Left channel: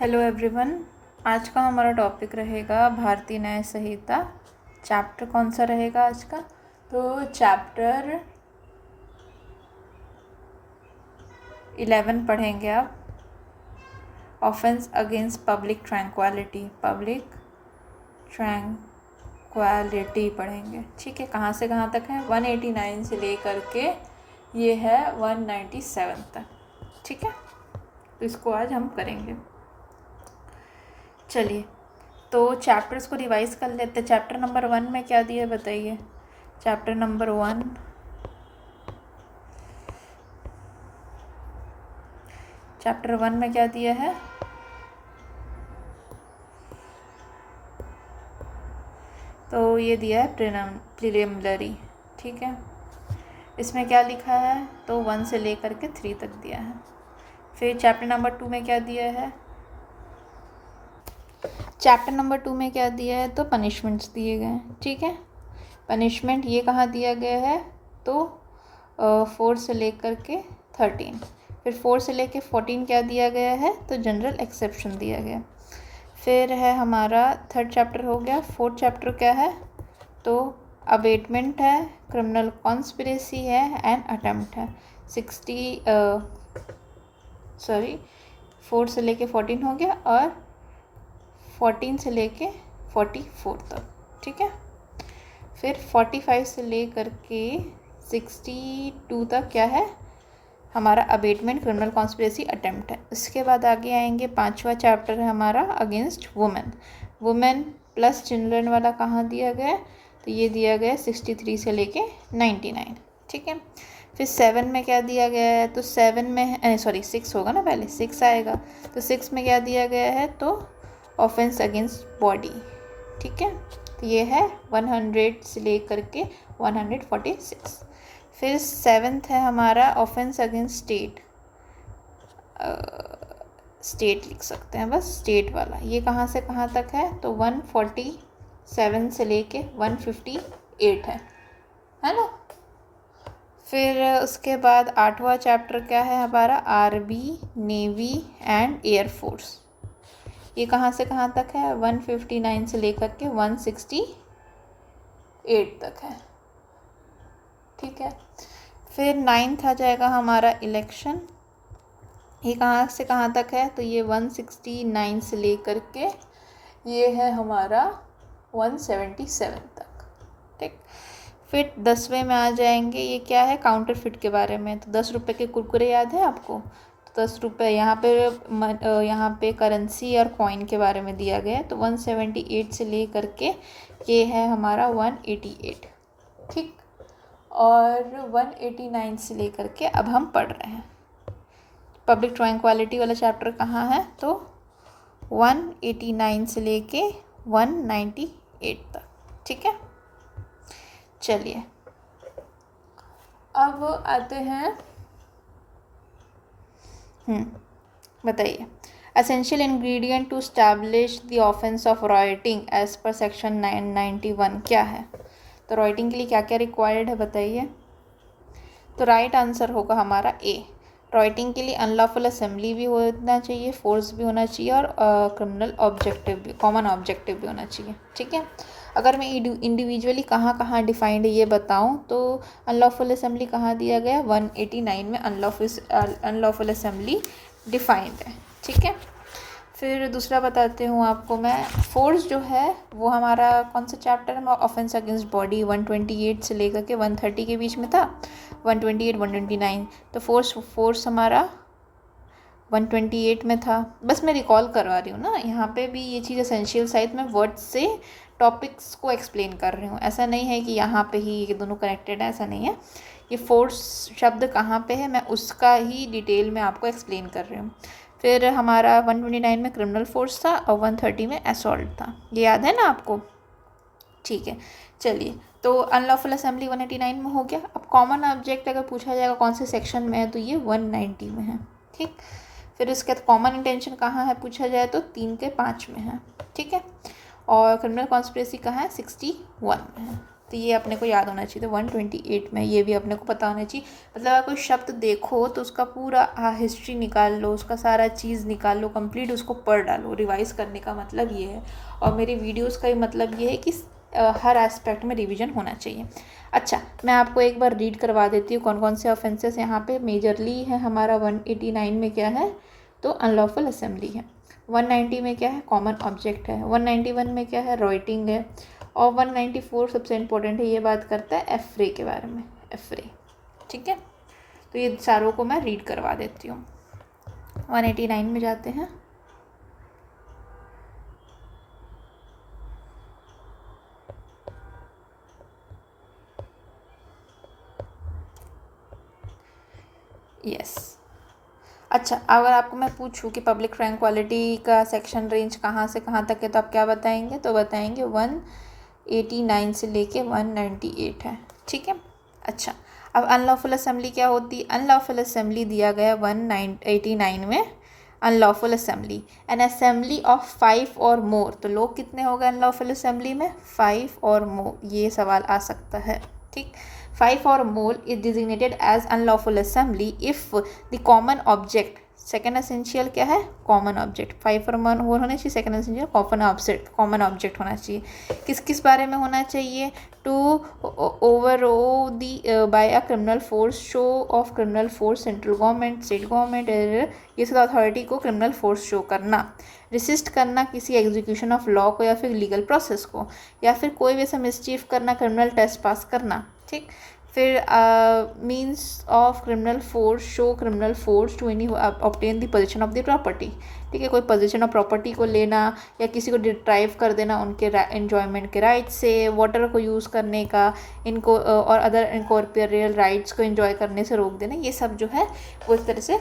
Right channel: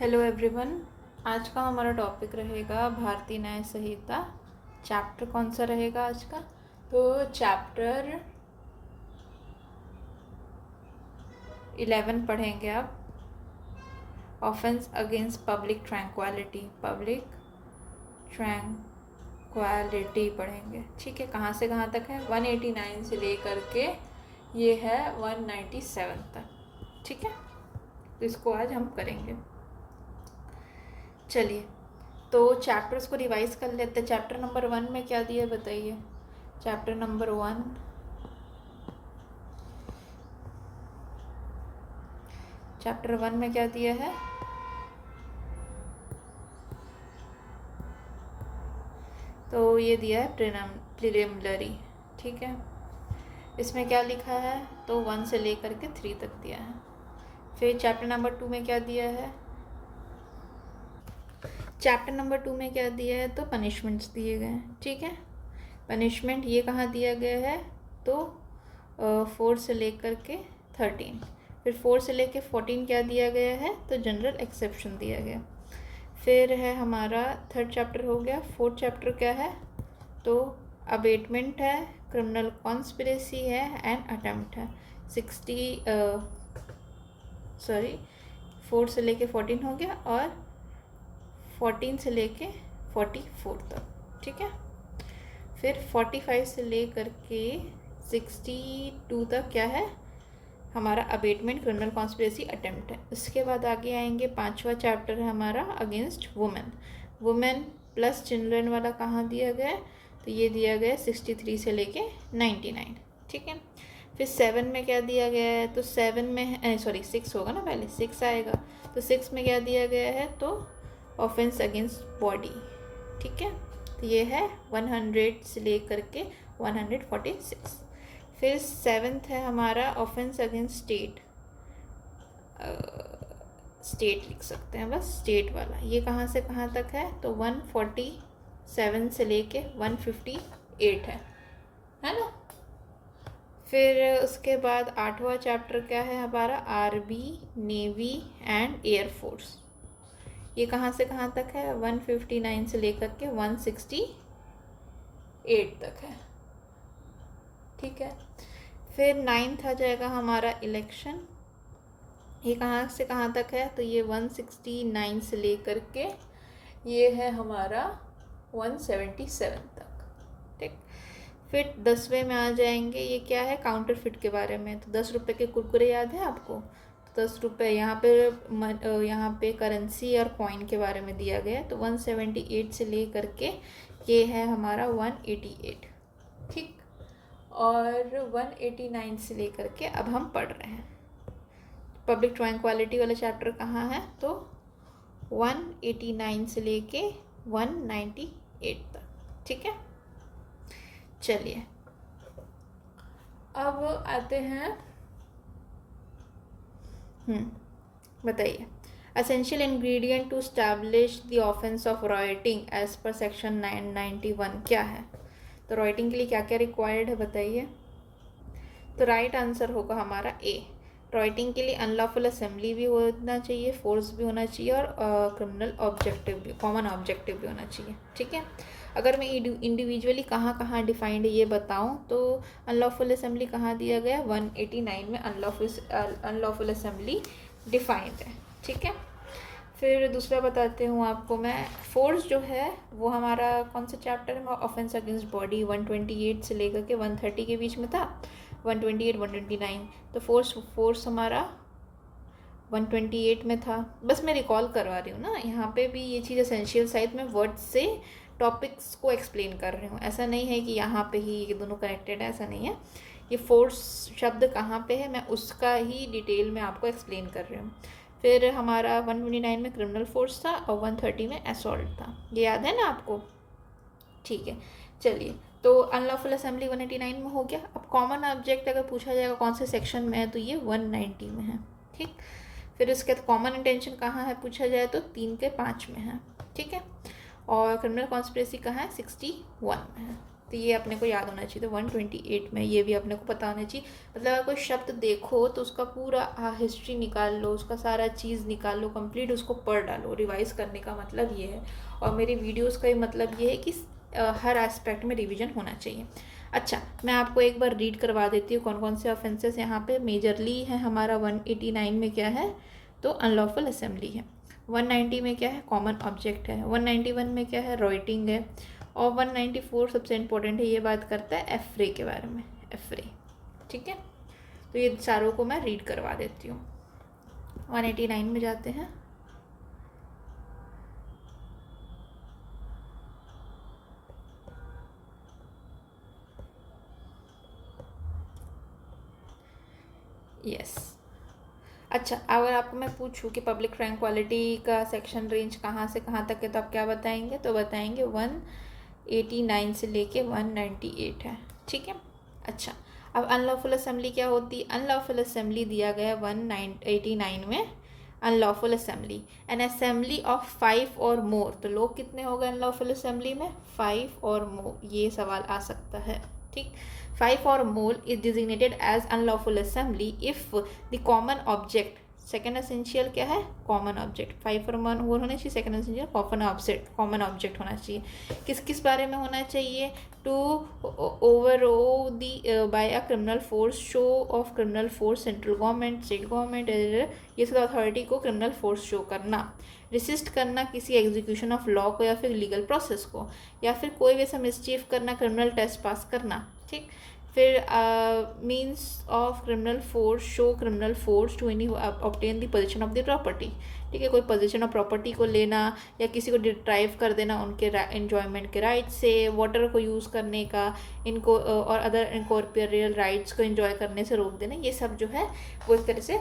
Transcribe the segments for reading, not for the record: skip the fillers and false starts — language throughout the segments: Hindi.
Hello everyone. आज का हमारा टॉपिक रहेगा भारतीय न्याय संहिता। चैप्टर कौन सा रहेगा आज का? तो चैप्टर 11 पढ़ेंगे आप। ऑफेंस अगेंस्ट पब्लिक ट्रैंक्विलिटी पढ़ेंगे। ठीक है, कहाँ से कहाँ तक है? 189 से लेकर के ये है 197 तक। ठीक है, तो इसको आज हम करेंगे। चलिए, तो चैप्टर्स को रिवाइज कर लेते हैं। चैप्टर नंबर 1 में क्या दिया है बताइए। चैप्टर नंबर 1 में क्या दिया है? तो ये दिया है प्रिलिमिनरी। ठीक है, इसमें क्या लिखा है? तो 1 से लेकर के 3 तक दिया है। फिर चैप्टर नंबर 2 में क्या दिया है? चैप्टर नंबर 2 में क्या दिया है? तो पनिशमेंट्स दिए गए हैं। ठीक है, पनिशमेंट ये कहाँ दिया गया है? तो 4 से लेकर के 13। फिर 4 से लेकर 14 क्या दिया गया है? तो जनरल एक्सेप्शन दिया गया। फिर है हमारा 3rd चैप्टर हो गया। 4th चैप्टर क्या है? तो अबेटमेंट है, क्रिमिनल कॉन्स्पिरेसी है एंड अटेम्प्ट है। 4 से लेके 14 हो गया और 14 से लेके 44 तक। ठीक है, फिर 45 से लेकर के 62 तक क्या है? हमारा अबेटमेंट, क्रिमिनल कॉन्स्पिरेसी, अटेम्प्ट है। इसके बाद आगे आएंगे 5वां चैप्टर है हमारा अगेंस्ट वुमेन प्लस चिल्ड्रन वाला। कहाँ दिया गया है? तो ये दिया गया है 63 से लेके 99। ठीक है, फिर 7 में क्या दिया गया है? तो 7 में 6 होगा ना, पहले 6 आएगा। तो 6 में क्या दिया गया है? तो ऑफेंस अगेंस्ट बॉडी। ठीक है, तो ये है 100 से लेकर के 146। फिर 7th है हमारा ऑफेंस अगेंस्ट स्टेट लिख सकते हैं बस, स्टेट वाला। ये कहाँ से कहाँ तक है? तो 147 से लेके 158 है ना। फिर उसके बाद 8वां चैप्टर क्या है हमारा? Army, navy and air force. ये कहाँ से कहाँ तक है? 159 से लेकर के 168 तक है। ठीक है, फिर 9th आ जाएगा हमारा इलेक्शन। ये कहाँ से कहाँ तक है? तो ये 169 से लेकर के ये है हमारा 177 तक। ठीक, फिर 10वें में आ जाएंगे। ये क्या है? काउंटरफिट के बारे में। तो 10 रुपये के कुरकुरे याद है आपको? तो 10 रुपये यहाँ पे करेंसी और कॉइन के बारे में दिया गया है। तो 178 से लेकर के ये है हमारा 188। ठीक, और 189 से लेकर के अब हम पढ़ रहे हैं पब्लिक ट्रैंक्विलिटी वाला चैप्टर। कहाँ है? तो 189 से लेके 198 तक। ठीक है, चलिए अब आते हैं। बताइए, essential ingredient to establish the offence of rioting as per section 991 क्या है? तो राइटिंग के लिए क्या क्या रिक्वायर्ड है बताइए। तो राइट आंसर होगा हमारा ए। राइटिंग के लिए अनलॉफुल असेंबली भी होना चाहिए, फोर्स भी होना चाहिए और क्रिमिनल ऑब्जेक्टिव भी, कॉमन ऑब्जेक्टिव भी होना चाहिए। ठीक है, अगर मैं इंडिविजुअली कहाँ कहाँ डिफाइंड है ये बताऊँ तो अनलॉफुल असेंबली कहाँ दिया गया? 189 में अनलॉफुल असेंबली डिफाइंड है। ठीक है, फिर दूसरा बताती हूँ आपको मैं। फोर्स जो है वो हमारा कौन सा चैप्टर है? ऑफेंस अगेंस्ट बॉडी 128 से लेकर के 130 के बीच में था। 128 129, तो फोर्स हमारा 128 में था। बस मैं रिकॉल करवा रही हूँ ना, यहाँ पे भी ये चीज़ एसेंशियल साइड में वर्ड से टॉपिक्स को एक्सप्लेन कर रही हूँ। ऐसा नहीं है कि यहाँ पे ही ये दोनों कनेक्टेड है, ऐसा नहीं है। ये फोर्स शब्द कहाँ पे है मैं उसका ही डिटेल में आपको एक्सप्लेन कर रही हूँ। फिर हमारा 129 में क्रिमिनल फोर्स था और 130 में असॉल्ट था। ये याद है ना आपको? ठीक है, चलिए, तो अनलॉफुल असेंबली 189 में हो गया। अब कॉमन ऑब्जेक्ट अगर पूछा जाएगा कौन से सेक्शन में है तो ये 190 में है। ठीक, फिर इसके बाद कॉमन इंटेंशन कहाँ है पूछा जाए तो 3 के 5 में है। ठीक है, और क्रिमिनल कॉन्स्पिरेसी कहाँ है? 61 में है। तो ये अपने को याद होना चाहिए। तो 128 में ये भी अपने को पता होना चाहिए। मतलब अगर कोई शब्द देखो तो उसका पूरा हिस्ट्री निकाल लो, उसका सारा चीज़ निकाल लो, कंप्लीट उसको पढ़ डालो। रिवाइज़ करने का मतलब ये है, और मेरे वीडियोस का ही मतलब ये है कि हर एस्पेक्ट में रिवीजन होना चाहिए। अच्छा, मैं आपको एक बार रीड करवा देती हूँ कौन कौन से ऑफेंसेस यहाँ पे मेजरली है। हमारा 189 में क्या है, तो अनलॉफुल असेंबली है। 190 में क्या है, कॉमन ऑब्जेक्ट है। 191 में क्या है, राइटिंग है। और 194 सबसे इम्पोर्टेंट है, ये बात करता है एफ्रे के बारे में, एफ्रे। ठीक है, तो ये चारों को मैं रीड करवा देती हूँ। 189 में जाते हैं। यस। अच्छा, अगर आपको मैं पूछूं कि पब्लिक ट्रैंक्विलिटी का सेक्शन रेंज कहाँ से कहाँ तक है, तो आप क्या बताएंगे? तो बताएंगे 189 से लेके 198 है। ठीक है। अच्छा, अब अनलॉफुल असेंबली क्या होती है? अनलॉफुल असेंबली दिया गया 189 में। Unlawful assembly, N assembly of 5 और मोर। तो लोग कितने हो गए अनलॉफुल असेंबली में? 5 और मोर, ये सवाल आ सकता है। ठीक, 5 or more is designated as unlawful assembly if the common object, second essential क्या है? Common object. 5 और मोर होना चाहिए। सेकेंड एसेंशियल कॉमन ऑब्जेक्ट होना चाहिए। किस किस बारे में होना चाहिए? To overawe by a criminal force, show of criminal force, central government, state government, ये सब अथॉरिटी को क्रिमिनल फोर्स शो करना। रिसिस्ट करना किसी एग्जीक्यूशन ऑफ लॉ को या फिर लीगल प्रोसेस को, या फिर कोई भी ऐसा मिसचीफ करना, क्रिमिनल टेस्ट पास करना। ठीक, फिर means of criminal force, show criminal force to any obtain the position of the property. ठीक है, कोई पोजीशन ऑफ प्रॉपर्टी को लेना या किसी को डिप्राइव कर देना उनके एन्जॉयमेंट के राइट से, वाटर को यूज़ करने का, इनको और अदर इनकॉर्पोरियल राइट्स को एंजॉय करने से रोक देना, ये सब जो है वो एक तरह से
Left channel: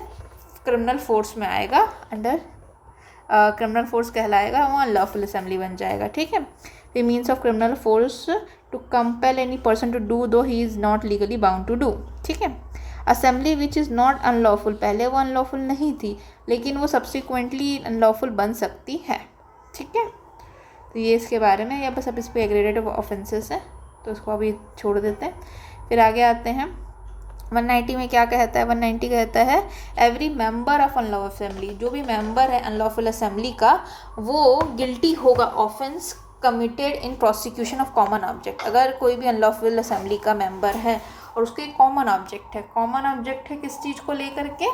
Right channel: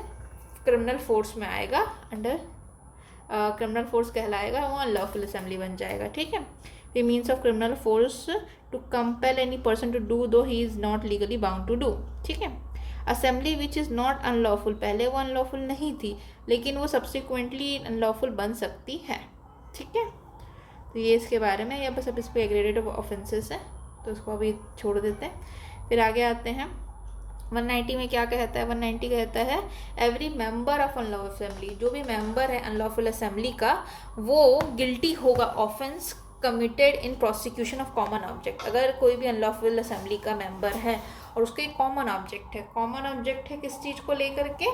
क्रिमिनल फोर्स में आएगा, अंडर क्रिमिनल फोर्स कहलाएगा, वो अनलॉफुल असेंबली बन जाएगा। ठीक है, the means of criminal force to compel any person to do though he is not legally bound to do. ठीक है, assembly which is not unlawful, पहले वो अनलॉफुल नहीं थी लेकिन वो सब्सिक्वेंटली अनलॉफुल बन सकती है। ठीक है, तो ये इसके बारे में, या बस अब इस पर एग्रेडेड ऑफेंसेस है तो उसको अभी छोड़ देते हैं। फिर आगे आते हैं 190 में क्या कहता है? 190 कहता है every member of unlawful assembly, जो भी मेंबर है अनलॉफुल असेंबली का, वो गिल्टी होगा offence committed in prosecution of common object. अगर कोई भी अनलॉफुल असेंबली का मेंबर है और उसके कॉमन ऑब्जेक्ट है, कॉमन ऑब्जेक्ट है किस चीज़ को लेकर के?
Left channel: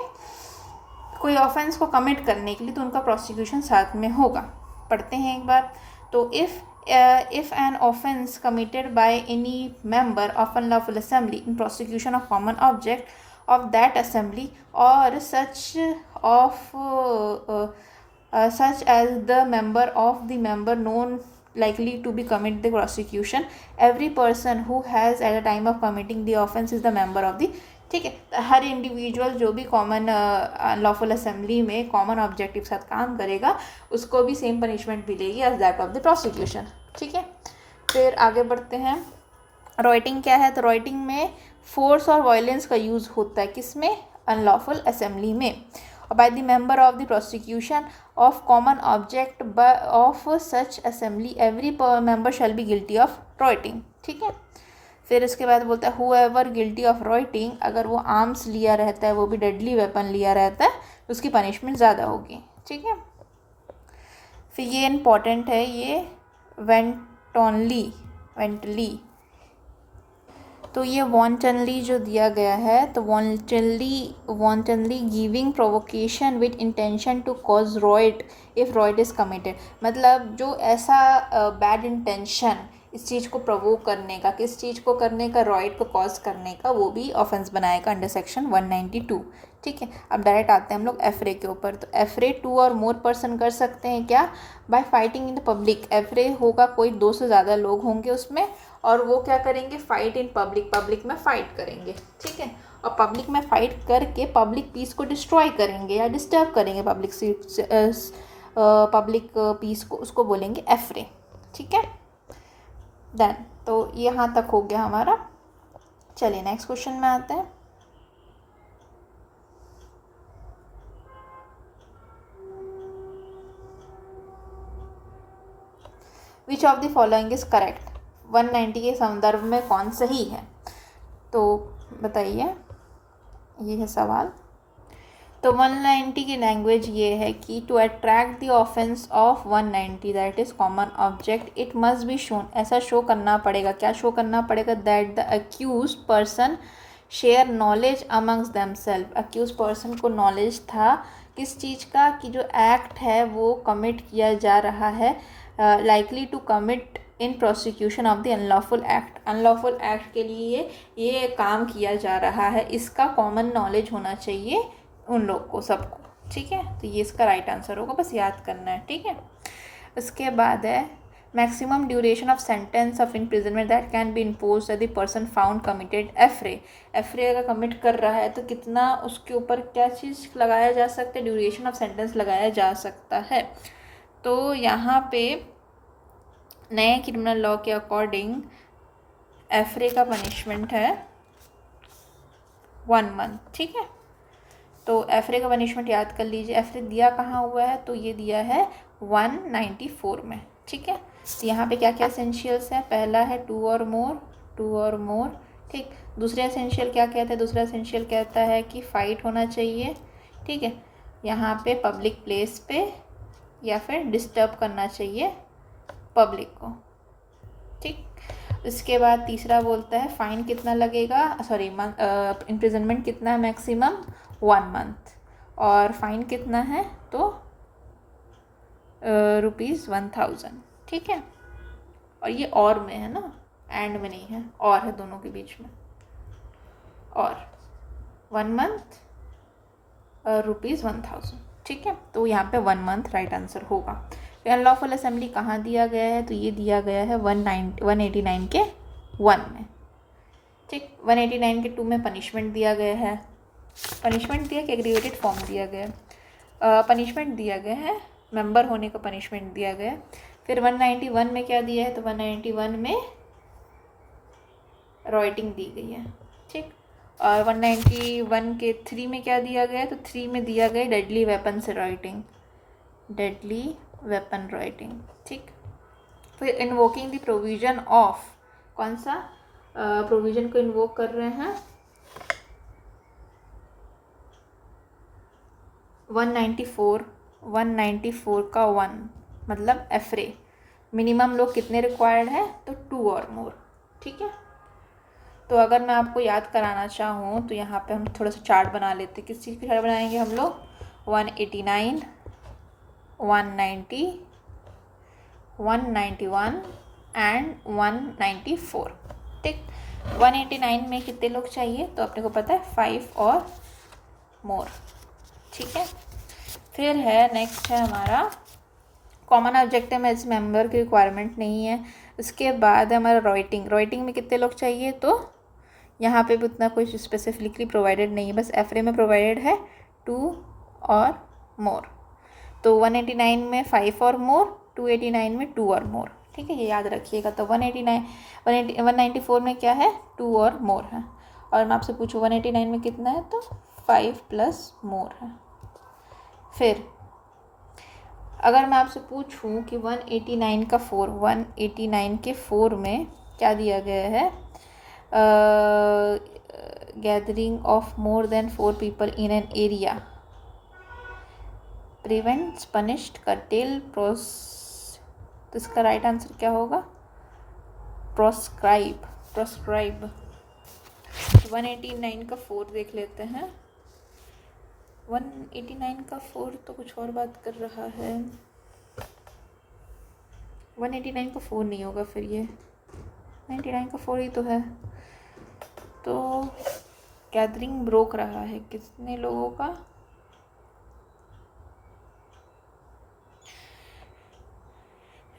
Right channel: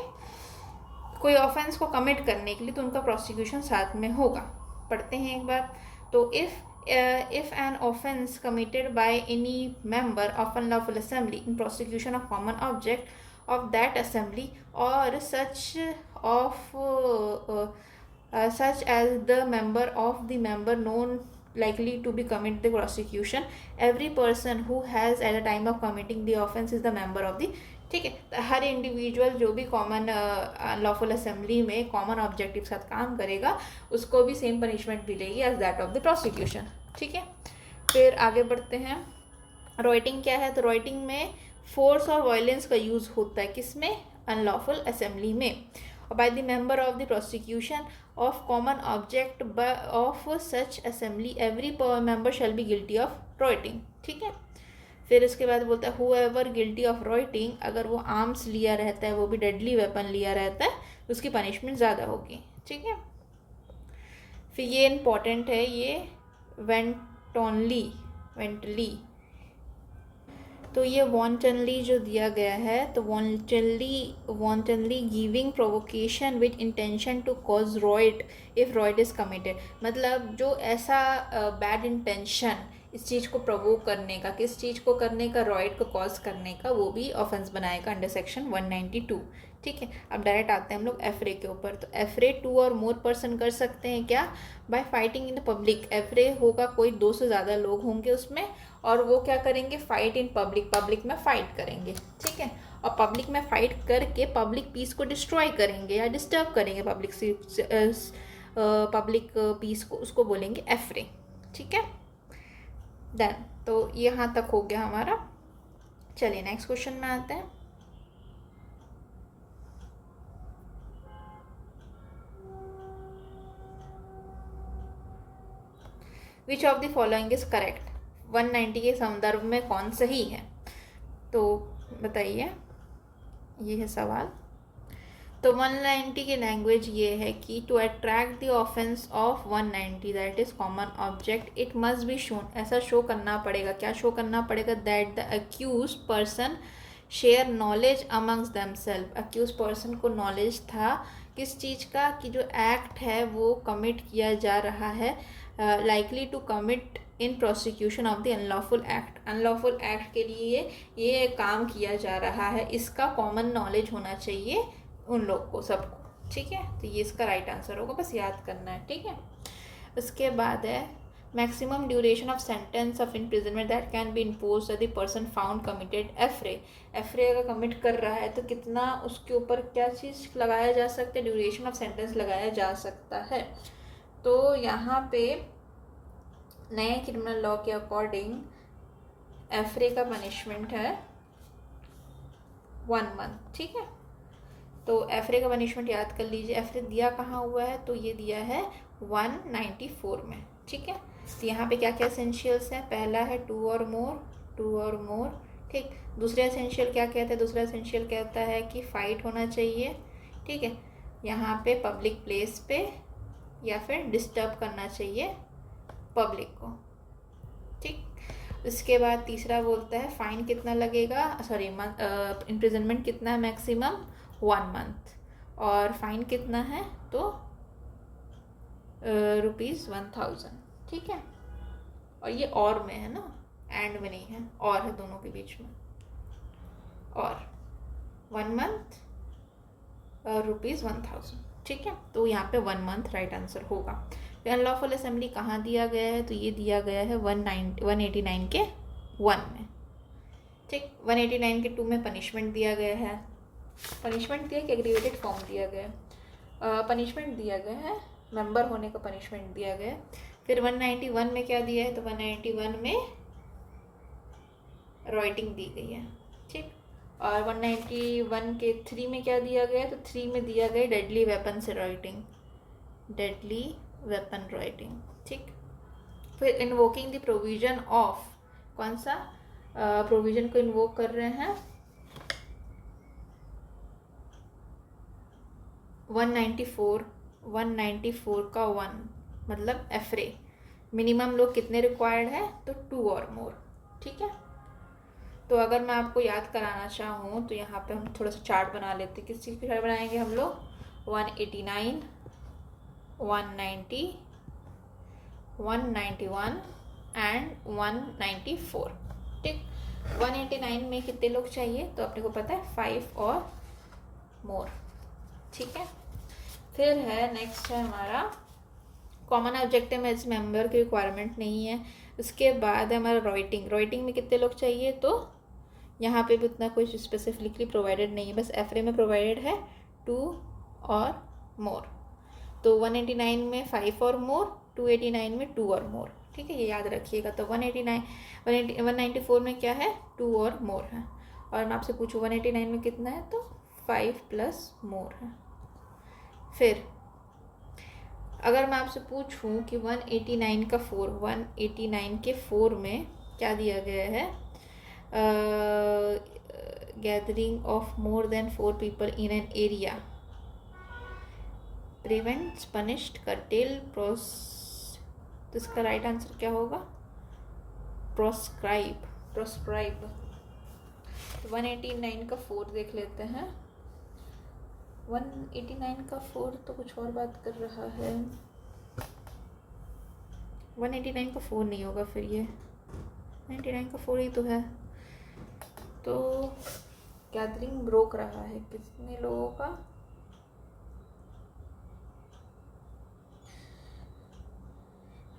कोई ऑफेंस को कमिट करने के लिए, तो उनका प्रोसिक्यूशन साथ में होगा। पढ़ते हैं एक बार। तो if an offense committed by any member of unlawful assembly in prosecution of common object of that assembly or such as the member of the member known likely to be commit the prosecution, every person who has at the time of committing the offense is the member of the। ठीक है, हर इंडिविजुअल जो भी कॉमन लॉफुल असेंबली में कॉमन ऑब्जेक्टिव के साथ काम करेगा उसको भी सेम पनिशमेंट मिलेगी as that of the prosecution. ठीक है, फिर आगे बढ़ते हैं। राइटिंग क्या है? तो राइटिंग में फोर्स और वायलेंस का यूज़ होता है, किसमें? अनलॉफुल असेंबली में। और by the member of the prosecution of common object of such assembly every member shall be guilty of writing. ठीक है, फिर इसके बाद बोलता है हुएवर गिल्टी ऑफ राइटिंग, अगर वो आर्म्स लिया रहता है, वो भी डेडली वेपन लिया रहता है, तो उसकी पनिशमेंट ज़्यादा होगी। ठीक है, फिर ये इम्पॉर्टेंट है, ये वेंटली, तो ये वॉन्टनली जो दिया गया है, तो wantonly giving provocation with intention to cause riot if riot is committed. मतलब जो ऐसा बैड इंटेंशन इस चीज़ को प्रोवोक करने का, किस चीज़ को करने का? रॉइट को कॉज करने का, वो भी ऑफेंस बनाएगा अंडर सेक्शन 192। ठीक है, अब डायरेक्ट आते हैं हम लोग एफरे के ऊपर। तो एफरे 2 और मोर पर्सन कर सकते हैं क्या? By fighting in the public. Affray होगा, कोई 2 से ज़्यादा लोग होंगे उसमें, और वो क्या करेंगे? फाइट इन पब्लिक, पब्लिक में फाइट करेंगे। ठीक है, और पब्लिक में फाइट करके पब्लिक पीस को डिस्ट्रॉय करेंगे या डिस्टर्ब करेंगे पब्लिक पीस को, उसको बोलेंगे एफरे। ठीक है, डन। तो यहाँ तक हो गया हमारा। चलिए नेक्स्ट क्वेश्चन में आते हैं। विच of the following is correct? 190 के संदर्भ में कौन सही है? तो बताइए, ये है सवाल। तो 190 की लैंग्वेज ये है कि to attract the offence of 190 that is common object it must be shown, ऐसा शो करना पड़ेगा। क्या शो करना पड़ेगा? That the accused person share knowledge amongst themselves, accused person को नॉलेज था किस चीज़ का, कि जो एक्ट है वो कमिट किया जा रहा है, likely to commit in prosecution of the unlawful act, unlawful act के लिए ये काम किया जा रहा है, इसका कॉमन नॉलेज होना चाहिए उन लोग को, सबको। ठीक है, तो ये इसका राइट आंसर होगा, बस याद करना है। ठीक है, उसके बाद है maximum duration of sentence of imprisonment that can be impose the person found committed affray, affray अगर कमिट कर रहा है तो कितना उसके ऊपर क्या चीज़ लगाया जा सकता है? ड्यूरेशन ऑफ सेंटेंस लगाया जा सकता है। तो यहाँ पे नए क्रिमिनल लॉ के अकॉर्डिंग एफरे का पनिशमेंट है 1 मंथ। ठीक है, तो एफरे का पनिशमेंट याद कर लीजिए। एफरे दिया कहाँ हुआ है? तो ये दिया है 194 में। ठीक है, तो यहाँ पे क्या क्या एसेंशियल्स हैं? पहला है टू और मोर, टू और मोर। ठीक, दूसरा एसेंशियल क्या कहता है? दूसरा एसेंशियल कहता है कि फाइट होना चाहिए। ठीक है, यहाँ पे पब्लिक प्लेस पे या फिर डिस्टर्ब करना चाहिए पब्लिक को। ठीक, इसके बाद तीसरा बोलता है फाइन कितना लगेगा, सॉरी इम्प्रिजनमेंट कितना है? मैक्सिमम 1 मंथ, और फाइन कितना है? तो ₹1000। ठीक है, और ये और में है ना, एंड में नहीं है, और है दोनों के बीच में। और 1 मंथ ₹1000। ठीक है, तो यहाँ पे 1 मंथ राइट आंसर होगा। फिर अनलॉफुल असेंबली कहाँ दिया गया है? तो ये दिया गया है 189 के 1 में। ठीक, 189 के 2 में पनिशमेंट दिया गया है। पनिशमेंट दिया कि एग्रीवेटेड फॉर्म दिया गया? पनिशमेंट दिया गया है, मेंबर होने का पनिशमेंट दिया गया। फिर 191 में क्या दिया है? तो 191 में रॉइटिंग दी गई है। ठीक, और 191 के 3 में क्या दिया गया? तो 3 में दिया गया डेडली वेपन से रॉइटिंग, डेडली वेपन राइटिंग। ठीक, फिर इन्वोकिंग द प्रोविजन ऑफ, कौन सा प्रोविजन को इन्वोक कर रहे हैं? 194 का 1 मतलब एफरे। मिनिमम लोग कितने रिक्वायर्ड है? तो 2 और मोर। ठीक है, तो अगर मैं आपको याद कराना चाहूँ तो यहाँ पे हम थोड़ा सा चार्ट बना लेते हैं। किस चीज़ की चार्ट बनाएंगे हम लोग? 189, 190, 191 एंड 194। ठीक, 189 में कितने लोग चाहिए? तो अपने को पता है 5 और मोर। ठीक है, फिर है नेक्स्ट है हमारा कॉमन ऑब्जेक्टिव में इस मेंबर की रिक्वायरमेंट नहीं है। उसके बाद हमारा राइटिंग, राइटिंग में कितने लोग चाहिए? तो यहाँ पे भी उतना कुछ स्पेसिफिकली प्रोवाइडेड नहीं है, बस एफरे में प्रोवाइडेड है 2 और मोर। तो 189 में 5 और मोर, 289 में 2 और मोर। ठीक है, ये याद रखिएगा। तो 194 में क्या है? 2 और मोर है। और मैं आपसे पूछूँ 189 में कितना है? तो 5 प्लस मोर है। फिर अगर मैं आपसे पूछूं कि 189 का 4, 189 के 4 में क्या दिया गया है? Gathering of more than 4 people in an area prevents, punished, cartel, pros, तो इसका राइट आंसर क्या होगा? Proscribe, proscribe. 189 का 4 देख लेते हैं। 189 का 4 तो कुछ और बात कर रहा है। 189 का 4 नहीं होगा, फिर ये 99 का 4 ही तो है। तो गैदरिंग रोक रहा है कितने लोगों का?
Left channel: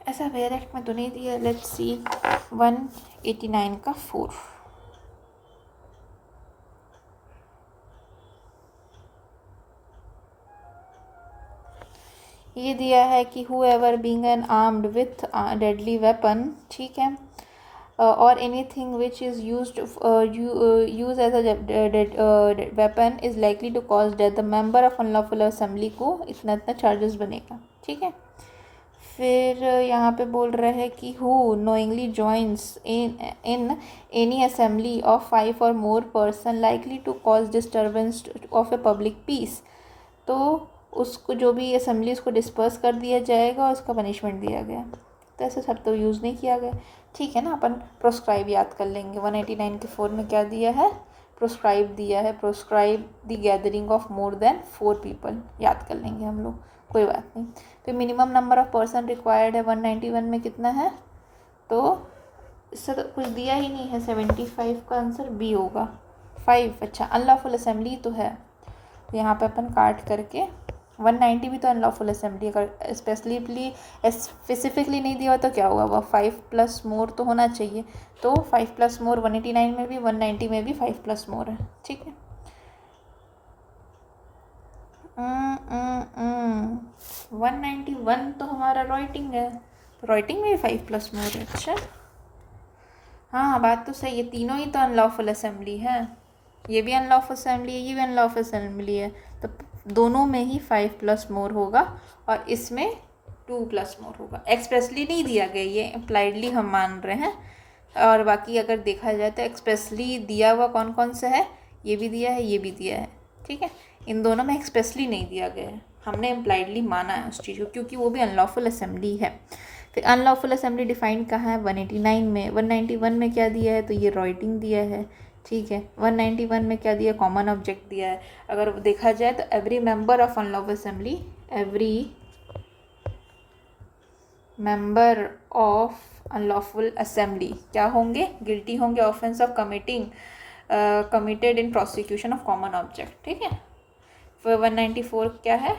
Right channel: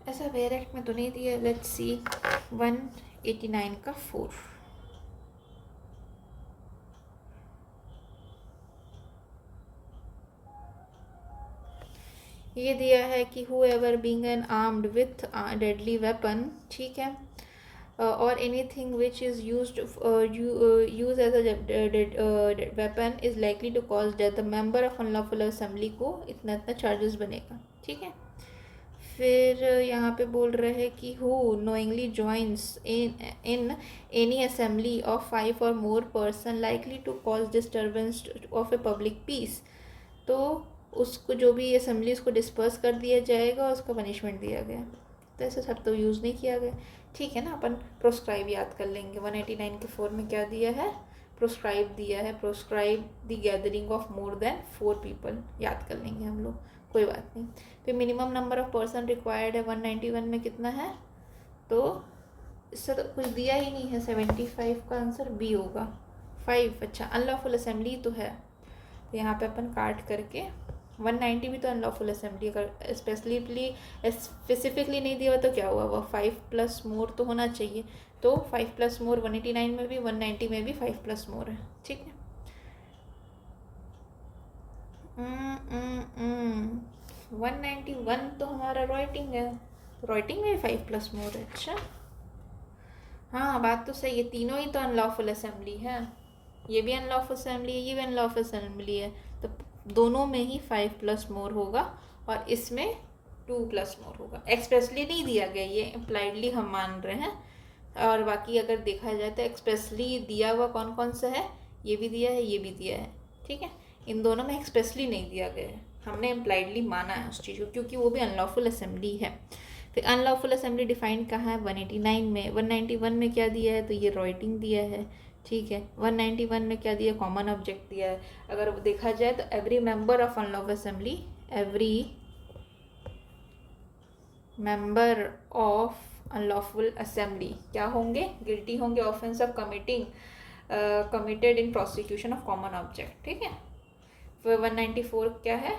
ऐसा डायरेक्ट में तो नहीं दिया। लेट्स सी 189 का 4। ये दिया है कि whoever being an armed with deadly weapon, ठीक है, or anything which is used used as a weapon is likely to cause death, the member of unlawful assembly को इतना इतना चार्जेस बनेगा। ठीक है, फिर यहाँ पे बोल रहे हैं कि who knowingly joins in any assembly of 5 और more person likely to cause disturbance of a public peace, तो उसको जो भी असेंबली उसको डिस्पर्स कर दिया जाएगा और उसका पनिशमेंट दिया गया। तो ऐसे सब तो यूज़ नहीं किया गया, ठीक है ना। अपन प्रोस्क्राइब याद कर लेंगे। 189 के 4 में क्या दिया है, प्रोस्क्राइब दिया है, proscribe the gathering of more than 4 people, याद कर लेंगे हम लोग, कोई बात नहीं। फिर minimum number of person required है 191 में कितना है, तो इससे तो कुछ दिया ही नहीं है, 75 का आंसर बी होगा 5। अच्छा, अनलॉफुल असेंबली तो है, तो यहाँ पे अपन काट करके 190 भी तो अनलॉफुल असेंबली, अगर स्पेसिफिकली नहीं दिया हो तो क्या हुआ, वह 5 प्लस मोर तो होना चाहिए, तो 5 प्लस मोर 189 में भी 190 में भी 5 प्लस मोर है, ठीक है। 191 तो हमारा राइटिंग है, तो राइटिंग में भी 5 प्लस मोर है। अच्छा हाँ, बात तो सही है, तीनों ही तो अनलॉफुल असेंबली है, ये भी अनलॉफुल असेंबली है, ये भी अनलॉफुल असेंबली है, तो दोनों में ही 5 प्लस मोर होगा और इसमें 2 प्लस मोर होगा। एक्सप्रेसली नहीं दिया गया, ये इम्प्लाइडली हम मान रहे हैं, और बाकी अगर देखा जाए तो एक्सप्रेसली दिया हुआ कौन कौन सा है, ये भी दिया है, ये भी दिया है, ठीक है। इन दोनों में एक्सप्रेसली नहीं दिया गया है, हमने इम्प्लाइडली माना है उस चीज़ को, क्योंकि वो भी अनलॉफुल असेंबली है। फिर अनलॉफुल असेंबली डिफाइन कहाँ है, 189 में। 191 में क्या दिया है, तो ये राइटिंग दिया है, ठीक है। 191 में क्या दिया, कॉमन ऑब्जेक्ट दिया है। अगर देखा जाए तो every member of unlawful assembly, every member of unlawful assembly क्या होंगे, गिल्टी होंगे offence of committed in prosecution of common object, ठीक है। फिर 194 क्या है,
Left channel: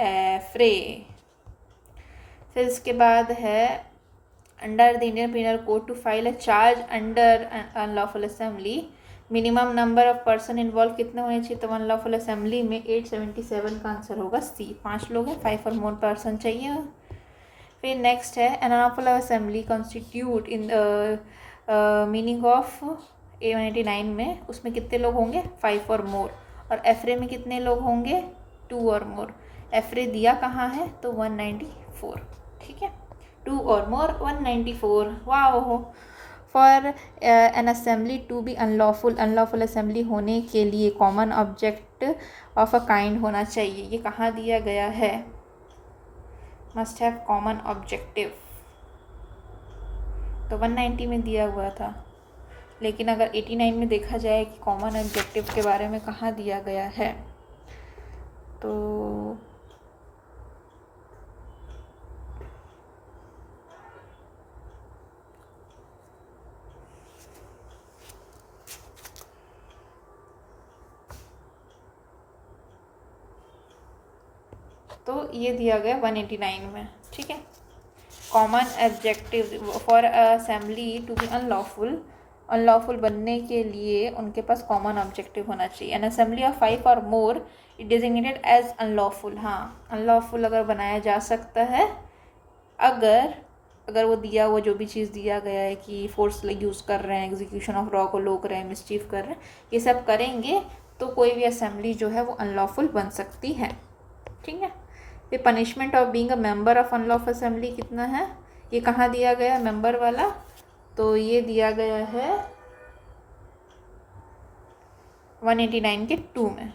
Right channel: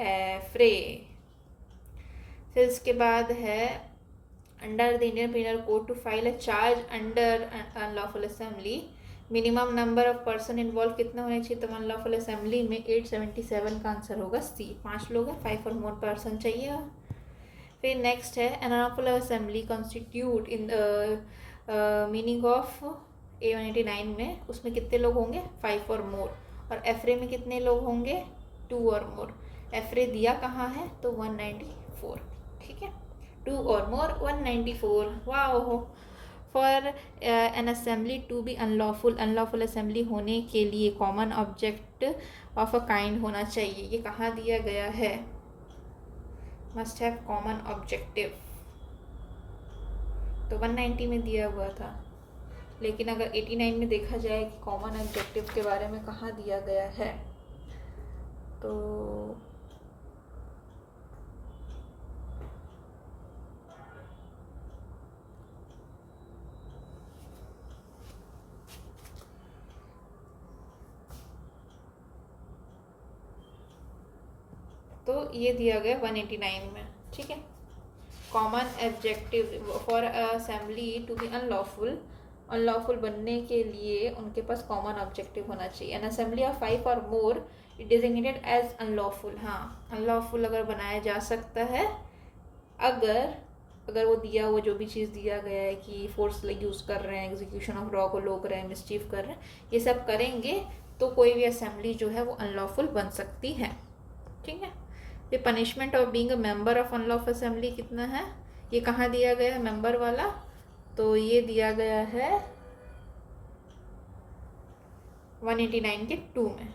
एफ्रे। फिर इसके बाद है under the Indian penal code to file a charge under unlawful assembly, minimum number of person involve कितने होने चाहिए, तो अनलॉफुल असेंबली में 877 का आंसर होगा सी, 5 लोग हैं, 5 और मोर पर्सन चाहिए। फिर नेक्स्ट है unlawful assembly constitute in meaning of A189 में, उसमें कितने लोग होंगे, 5 और मोर, और एफ्रे में कितने लोग होंगे, 2 और मोर। एफ्रे दिया कहाँ है, तो 194, ठीक है, 2 और मोर 194। वाह, for an assembly to be unlawful, unlawful assembly होने के लिए common object of a kind होना चाहिए, ये कहाँ दिया गया है, मस्ट हैव कॉमन ऑब्जेक्टिव, तो 190 में दिया हुआ था। लेकिन अगर 89 में देखा जाए कि कॉमन ऑब्जेक्टिव के बारे में कहाँ दिया गया है, तो ये दिया गया 189 में, ठीक है। Common objective for assembly to be unlawful, unlawful बनने के लिए उनके पास कॉमन ऑब्जेक्टिव होना चाहिए। एन असेंबली ऑफ 5 और more it designated as unlawful, हाँ अनलॉफुल अगर बनाया जा सकता है अगर वो दिया, वो जो भी चीज़ दिया गया है कि फोर्स यूज़ कर रहे हैं, एग्जीक्यूशन ऑफ लॉ को रोक रहे हैं, मिसचीफ कर रहे हैं, ये सब करेंगे तो कोई भी असेंबली जो है वो अनलॉफुल बन सकती है, ठीक है। फिर punishment of being a member of unlawful assembly कितना है, ये कहाँ दिया गया मेंबर वाला, तो ये दिया गया है 189 के 2 में,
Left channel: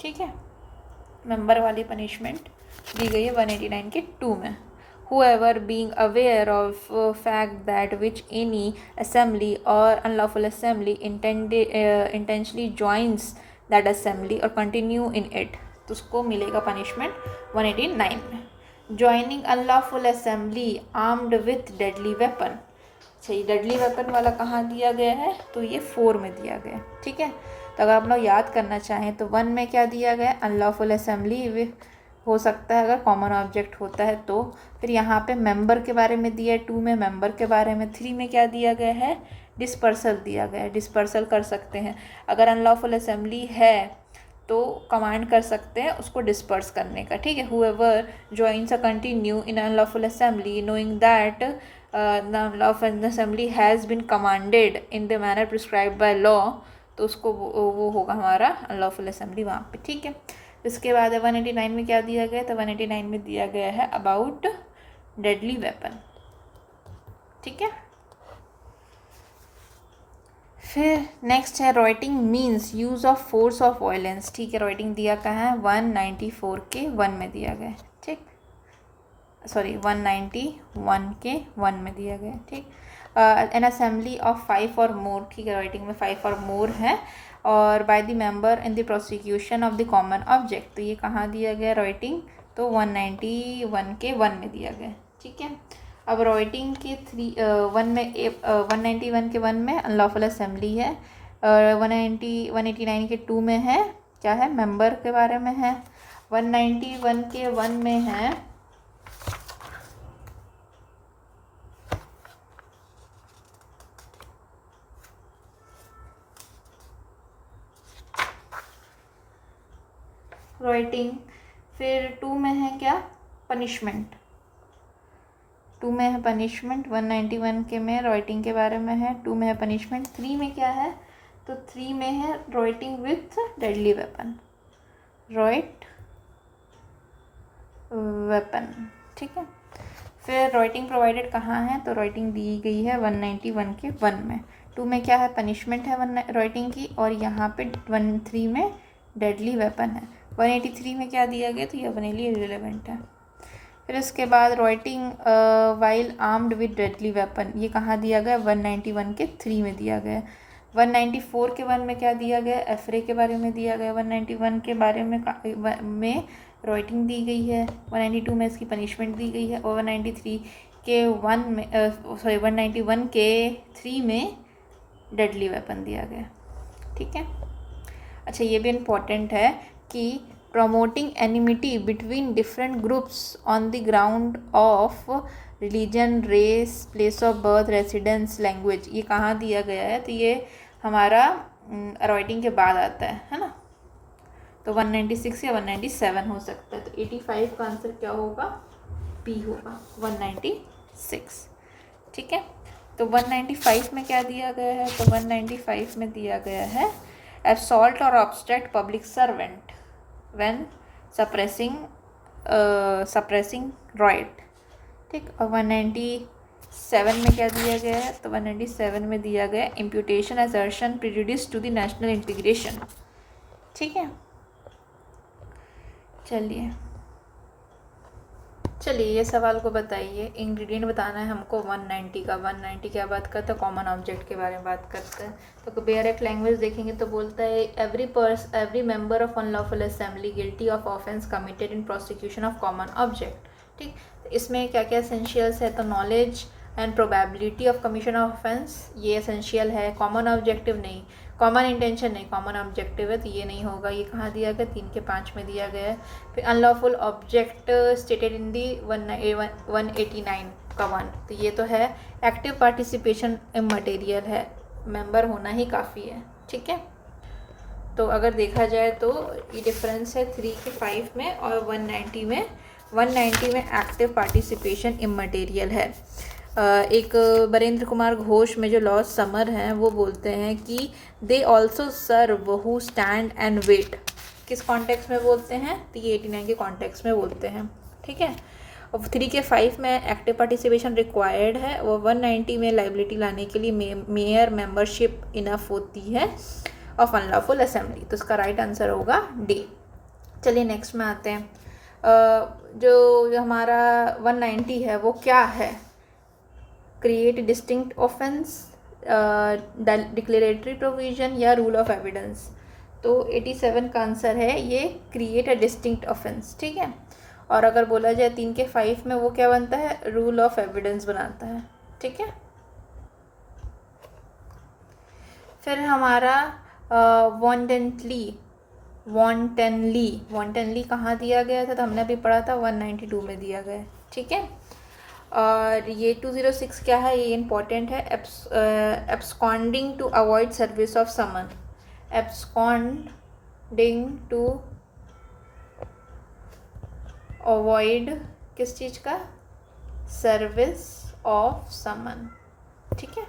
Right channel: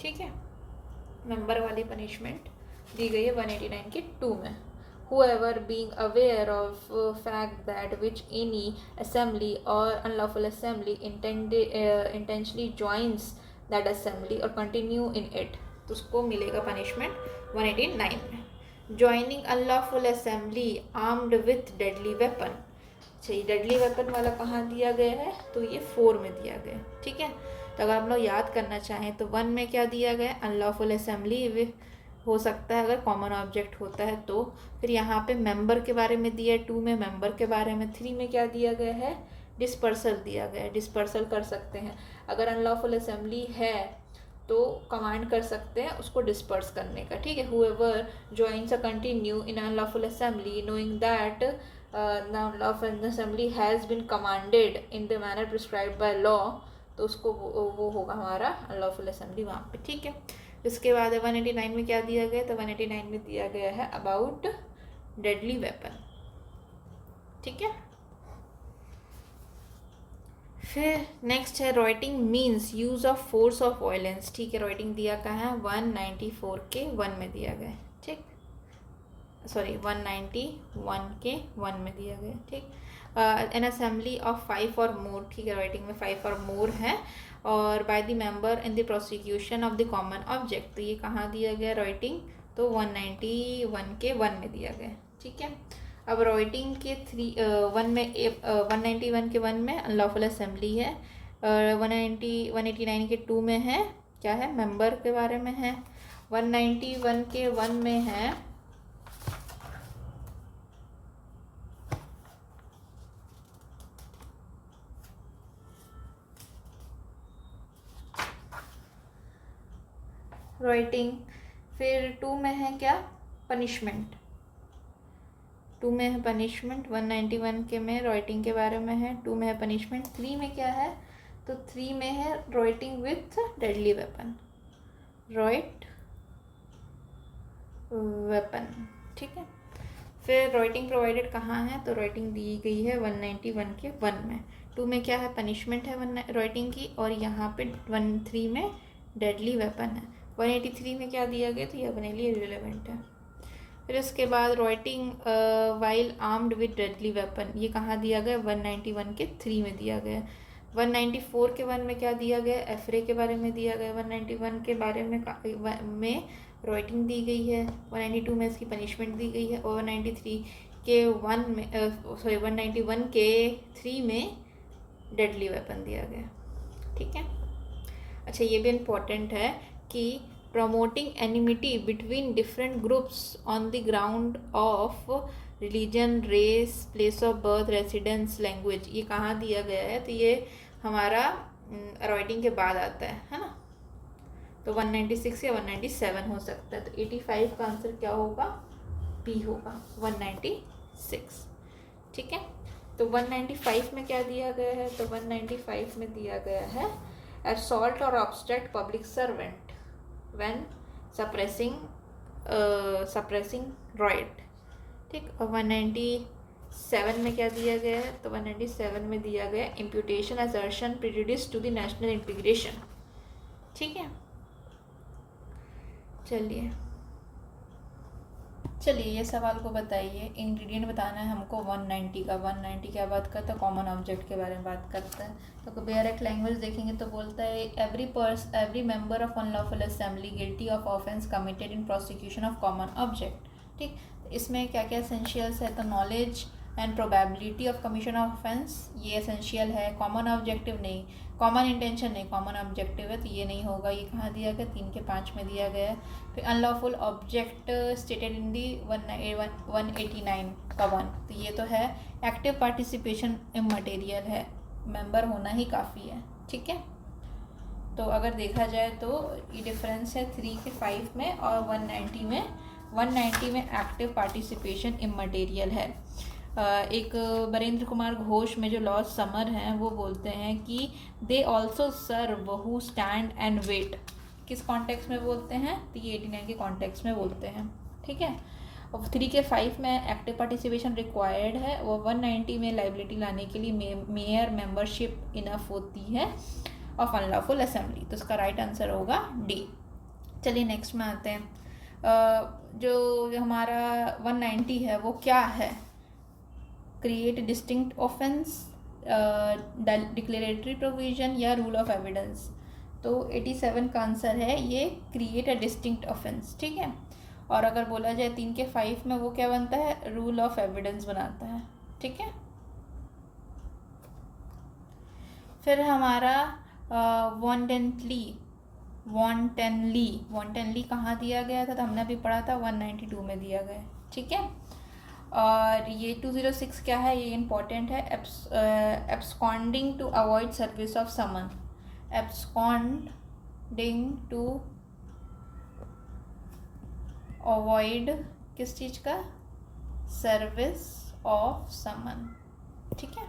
ठीक है। मेंबर वाली पनिशमेंट दी गई है 189 के 2 में। Whoever being aware of fact that which any assembly or unlawful assembly intentionally joins that assembly or continue in it, तो उसको मिलेगा पनिशमेंट 189 में। Joining unlawful assembly armed with deadly weapon, सही, डेडली वेपन वाला कहाँ दिया गया है, तो ये 4 में दिया गया, ठीक है। तो अगर आप लोग याद करना चाहें तो 1 में क्या दिया गया, अनलॉफुल असेंबली हो सकता है अगर कॉमन ऑब्जेक्ट होता है तो। फिर यहाँ पे मेंबर के बारे में दिया है 2 में, मेंबर के बारे में 3 में क्या दिया गया है, डिस्पर्सल दिया गया है, डिस्पर्सल कर सकते हैं। अगर अनलॉफुल असेंबली है तो कमांड कर सकते हैं उसको डिस्पर्स करने का, ठीक है। Whoever joins a continue in unlawful assembly knowing that the unlawful assembly has been commanded in the manner prescribed by law, तो उसको वो होगा हमारा अनलॉफुल असेंबली वहाँ पे, ठीक है। इसके बाद 189 में क्या दिया गया, तो 189 में दिया गया है अबाउट डेडली वेपन, ठीक है। फिर नेक्स्ट है writing means use of force of violence, ठीक है। राइटिंग दिया कहाँ है, 194 के 1 में दिया गया, ठीक, सॉरी 191 के 1 में दिया गया, ठीक। एन असेंबली ऑफ 5 और मोर, ठीक है। राइटिंग में 5 और मोर है, और by the member in the prosecution of the common object, तो ये कहाँ दिया गया राइटिंग, तो 191 के 1 में दिया गया, ठीक है। अब राइटिंग के 191 के 1 में अनलॉफुल असेंबली है, 189 के 2 में है क्या है, मेंबर के बारे में है, 191 के 1 में है राइटिंग, फिर 2 में है क्या, पनिशमेंट, 2 में है पनिशमेंट, 191 के में राइटिंग के बारे में है, 2 में है पनिशमेंट। 3 में क्या है, तो 3 में है writing with deadly weapon, right weapon, ठीक है। फिर राइटिंग प्रोवाइडेड कहाँ है, तो राइटिंग दी गई है 191 के 1 में। 2 में क्या है, पनिशमेंट है राइटिंग की, और यहाँ पे 13 में डेडली वेपन है। 183 में क्या दिया गया, तो ये अपने लिए रिलेवेंट है। फिर उसके बाद writing while armed with deadly weapon, ये कहाँ दिया गया, 191 के 3 में दिया गया। 194 के 1 में क्या दिया गया, एफरे के बारे में दिया गया। 191 के बारे में राइटिंग दी गई है, 192 में इसकी पनिशमेंट दी गई है, और 193 के 1 में 191 के 3 में डेडली वेपन दिया गया, ठीक है। अच्छा, ये भी इम्पोर्टेंट है कि promoting enmity between different groups on the ground of religion, race, place of birth, residence, language, ये कहाँ दिया गया है, तो ये हमारा राइटिंग के बाद आता है ना। तो 196 या 197 हो सकता है, तो 85 का आंसर क्या होगा, बी होगा 196, ठीक है। तो 195 में क्या दिया गया है, तो 195 में दिया गया है assault or obstruct public servant when suppressing riot, ठीक। और 197 में क्या दिया गया है, तो 197 में दिया गया imputation, assertion, prejudice to the national integration, ठीक है। चलिए ये सवाल को बताइए, इंग्रेडिएंट बताना है हमको 190 का। 190 क्या बात करता है, कॉमन ऑब्जेक्ट के बारे में बात करता है। तो कंपेयर एक्ट लैंग्वेज देखेंगे तो बोलता है every member of unlawful assembly guilty of offence committed in prosecution of common object, ठीक। तो इसमें क्या क्या एसेंशियल्स है, तो knowledge and probability of commission of offence, ये एसेंशियल है। कॉमन ऑब्जेक्टिव नहीं, कॉमन इंटेंशन नहीं, कॉमन ऑब्जेक्टिव है तो ये नहीं होगा। ये कहाँ दिया गया, 3 के 5 में दिया गया है। फिर अनलॉफुल ऑब्जेक्ट स्टेटेड इन दी 189 का 1, तो ये तो है एक्टिव पार्टिसिपेशन इमटेरियल है, मेंबर होना ही काफ़ी है, ठीक है। तो अगर देखा जाए तो ये डिफरेंस है 3 के 5 में और 190 में। 190 में एक्टिव पार्टिसिपेशन इमटेरियल है। एक बरेंद्र कुमार घोष में जो लॉर्ड समर हैं वो बोलते हैं कि they also serve who stand and wait, किस कॉन्टेक्स्ट में बोलते हैं, तो ये 89 के कॉन्टेक्स्ट में बोलते हैं, ठीक है। और 3 के 5 में एक्टिव पार्टिसिपेशन रिक्वायर्ड है, वो 190 में लाइबिलिटी लाने के लिए मेयर मेंबरशिप इनफ होती है ऑफ अनलॉफुल असेंबली, तो उसका राइट आंसर होगा डी। चलिए नेक्स्ट में आते हैं। जो हमारा 190 है वो क्या है, create distinct offence, declaratory provision या रूल ऑफ एविडेंस, तो 87 का आंसर है ये क्रिएट अ डिस्टिंक्ट ऑफेंस, ठीक है। और अगर बोला जाए 3 के 5 में वो क्या बनता है, रूल ऑफ एविडेंस बनाता है, ठीक है। फिर हमारा वॉन्टेनली कहाँ दिया गया था, तो हमने अभी पढ़ा था 192 में दिया गया, ठीक है। और ये 206 क्या है, ये इंपॉर्टेंट है, absconding to avoid service of summon, absconding to avoid किस चीज़ का, सर्विस ऑफ समन, ठीक है।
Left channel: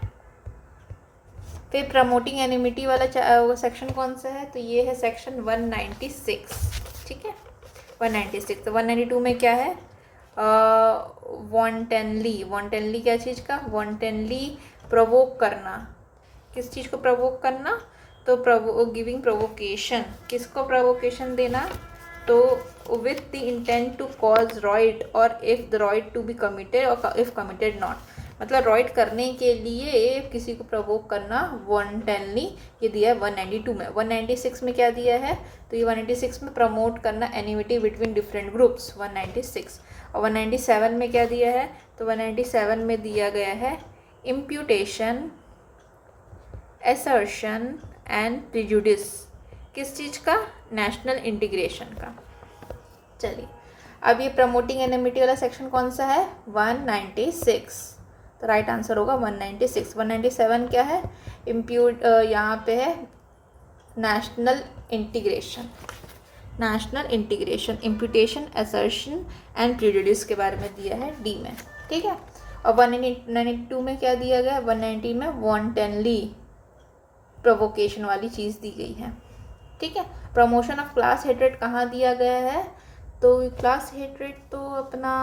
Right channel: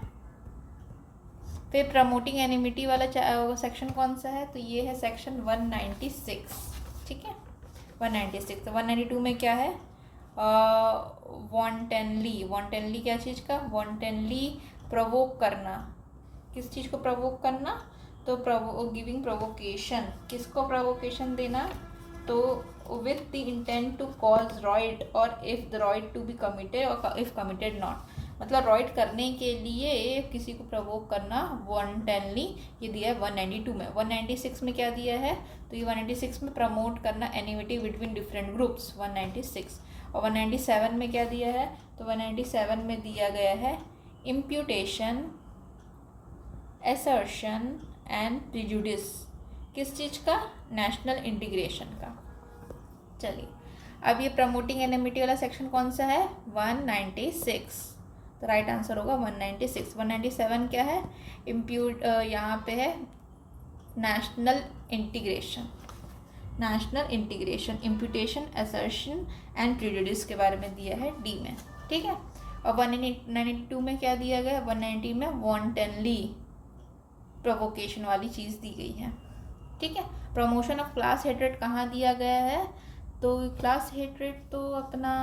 फिर प्रमोटिंग एनिमिटी वाला वो सेक्शन कौन सा है, तो ये है सेक्शन 196, ठीक है 196। तो 192 में क्या है, वॉन्टेनली, वॉन्टेनली क्या चीज़ का, वॉन्टेनली प्रोवोक करना, किस चीज़ को प्रोवोक करना, तो गिविंग प्रोवोकेशन, किसको प्रोवोकेशन देना, तो with the intent to cause riot और if the riot to be committed और इफ़ कमिटेड नॉट, मतलब रॉइट करने के लिए किसी को प्रवोक करना वॉन्टेनली, ये दिया है 192 में। 196 में क्या दिया है, तो ये 196 में प्रमोट करना एनिमिटी बिटवीन डिफरेंट ग्रुप्स 196। और 197 में क्या दिया है, तो 197 में दिया गया है इम्प्यूटेशन, असर्शन एंड प्रिजुडिस, किस चीज़ का, नेशनल इंटीग्रेशन का। चलिए अब ये प्रमोटिंग एनिमिटी वाला सेक्शन कौन सा है, 196, तो राइट आंसर होगा 196। 197 क्या है, यहाँ पे है national integration, national integration, imputation, assertion and prejudice के बारे में दिया है डी में, ठीक है। और 192 में क्या दिया गया, 190 में वॉन्टेनली प्रोवोकेशन वाली चीज़ दी गई है, ठीक है। प्रमोशन ऑफ क्लास हेट्रेड कहाँ दिया गया है, तो क्लास हेट्रेड तो अपना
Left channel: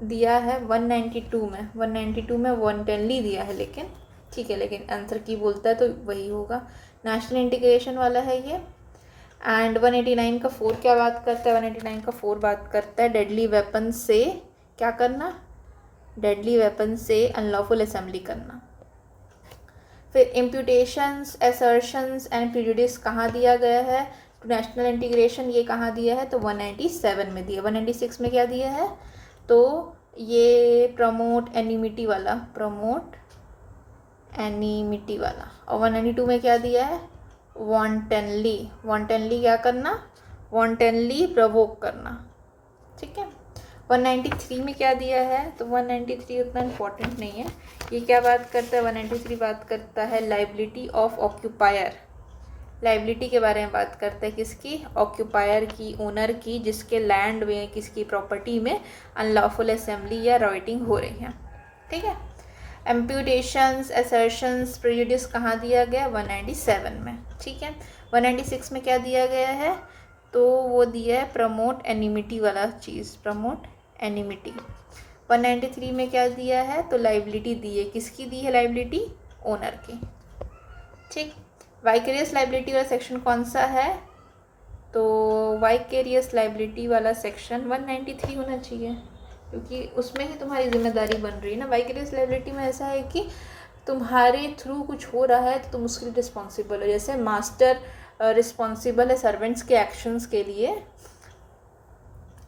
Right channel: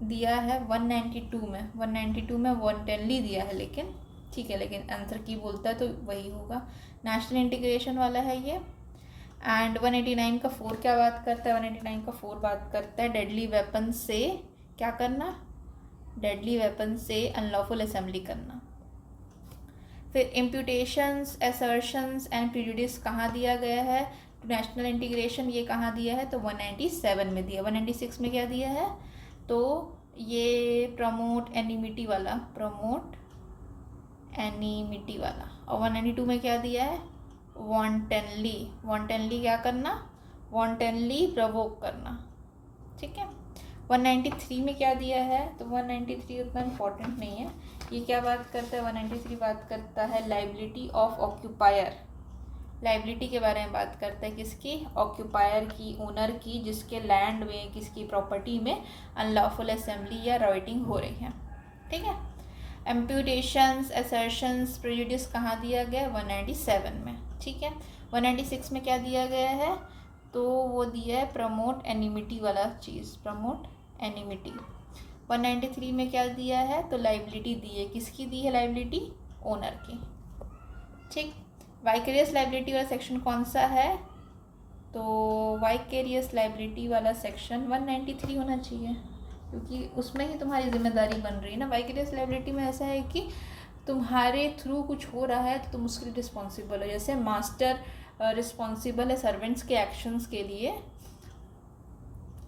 दिया है 192 में, 192 में वॉन्टेनली दिया है, लेकिन ठीक है, लेकिन आंसर की बोलता है तो वही होगा, नेशनल इंटीग्रेशन वाला है ये। एंड 189 का 4 क्या बात करता है, 189 का 4 बात करता है डेडली वेपन से क्या करना, डेडली वेपन से अनलॉफुल असेंबली करना। फिर इम्प्यूटेशंस, असर्शंस एंड प्रिजुडिस कहाँ दिया गया है, टू नेशनल इंटीग्रेशन, ये कहाँ दिया है, तो 197 में दिया। 196 में क्या दिया है, तो ये प्रमोट एनिमिटी वाला, प्रमोट एनिमिटी वाला। और 192 में क्या दिया है, वॉन्टेनली, वॉन्टेनली क्या करना, वॉन्टेनली प्रवोक करना, ठीक है। 193 में क्या दिया है, तो 193 उतना इम्पोर्टेंट नहीं है, ये क्या बात करता है, 193 बात करता है लाइबिलिटी ऑफ ऑक्यूपायर, लाइबिलिटी के बारे में बात करता है, किसकी, ऑक्यूपायर की, ओनर की, जिसके लैंड में, किसकी प्रॉपर्टी में अनलॉफुल असेंबली या राइटिंग हो रही है, ठीक है। एम्प्यूटेशंस, असर्शंस, प्रेजुडिस कहाँ दिया गया, 197 में, ठीक है। 196 में क्या दिया गया है, तो वो दिया है प्रमोट एनिमिटी वाला चीज़, प्रमोट एनिमिटी। 193 में क्या दिया है, तो लाइबिलिटी दी है, किसकी दी है लाइबिलिटी, ओनर की, ठीक। वाइकेरियस लाइबिलिटी वाला सेक्शन कौन सा है, तो वाइकेरियस लाइबिलिटी वाला सेक्शन 193 होना चाहिए, क्योंकि उसमें ही तुम्हारी जिम्मेदारी बन रही है ना। वाइकेरियस लाइबिलिटी में ऐसा है कि तुम्हारे थ्रू कुछ हो रहा है तो तुम उसके लिए रिस्पॉन्सिबल हो, जैसे मास्टर रिस्पॉन्सिबल है सर्वेंट्स के एक्शंस के लिए,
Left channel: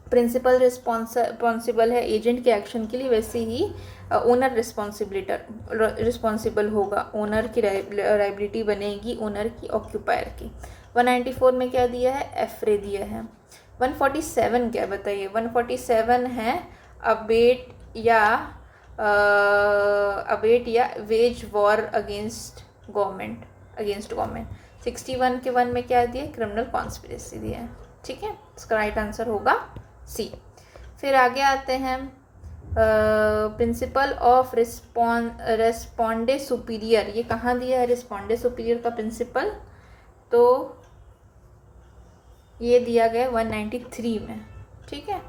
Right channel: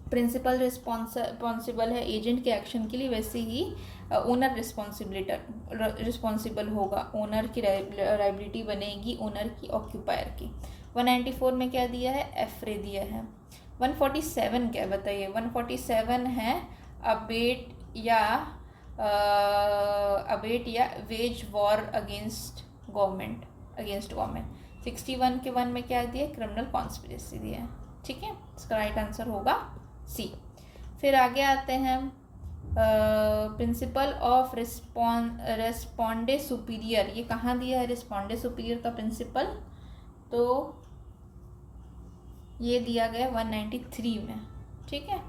प्रिंसिपल रिस्पॉन्सिबल है एजेंट के एक्शन के लिए, वैसे ही ओनर रिस्पॉन्सिबल होगा, ओनर की लायबिलिटी बनेगी ओनर की, ऑक्यूपायर की। 194 में क्या दिया है, एफरे दिया है। 147 क्या बताइए, 147 है अबेट या वेज वॉर अगेंस्ट गवर्नमेंट, 61 के 1 में क्या दिया, क्रिमिनल कॉन्स्पिरेसी दिया है, ठीक है। इसका राइट आंसर होगा सी। फिर आगे आते हैं प्रिंसिपल ऑफ रेस्पोंडे सुपीरियर, ये कहाँ दिया है रेस्पोंडे सुपीरियर का प्रिंसिपल, तो ये दिया गया 193 में, ठीक है।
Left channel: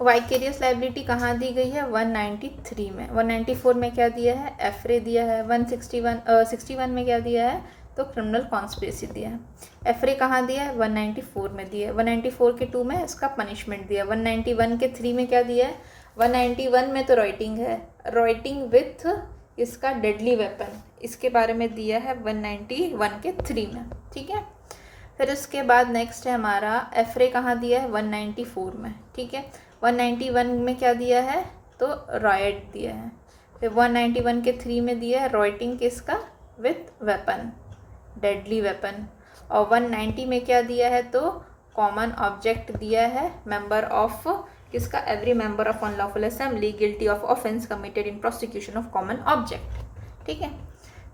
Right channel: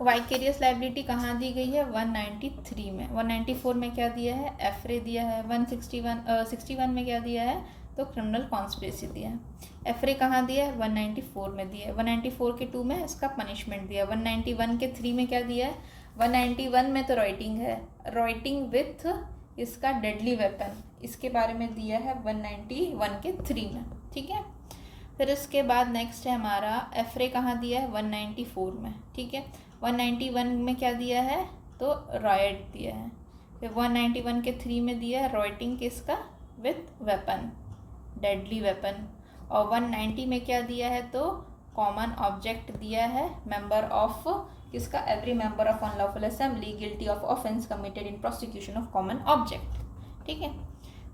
वाइकेरियस लाइबिलिटी कहाँ दी गई है, 193 में। 194 में क्या दिया है, एफरे दिया है। 61 में क्या दिया है, तो क्रिमिनल कॉन्स्पिरेसी दिया है। एफरे कहाँ दिया है, 194 में दिया है। 194 के 2 में इसका पनिशमेंट दिया है। 191 के 3 में क्या दिया है, 191 में तो राइटिंग है, राइटिंग विथ इसका डेडली वेपन, इसके बारे में दिया है 191 के 3 में, ठीक है। फिर उसके बाद नेक्स्ट है हमारा एफरे कहाँ दिया है, 194 में, ठीक है। 191 में क्या दिया है, तो राइट दिया है। फिर 191 के 3 में दिया है राइटिंग किसका, विथ वेपन, डेडली वेपन। और 190 में क्या दिया है, तो कॉमन ऑब्जेक्ट दिया है, मेंबर ऑफ किसका, every member of unlawful assembly guilty of offence committed in prosecution of common object, ठीक है।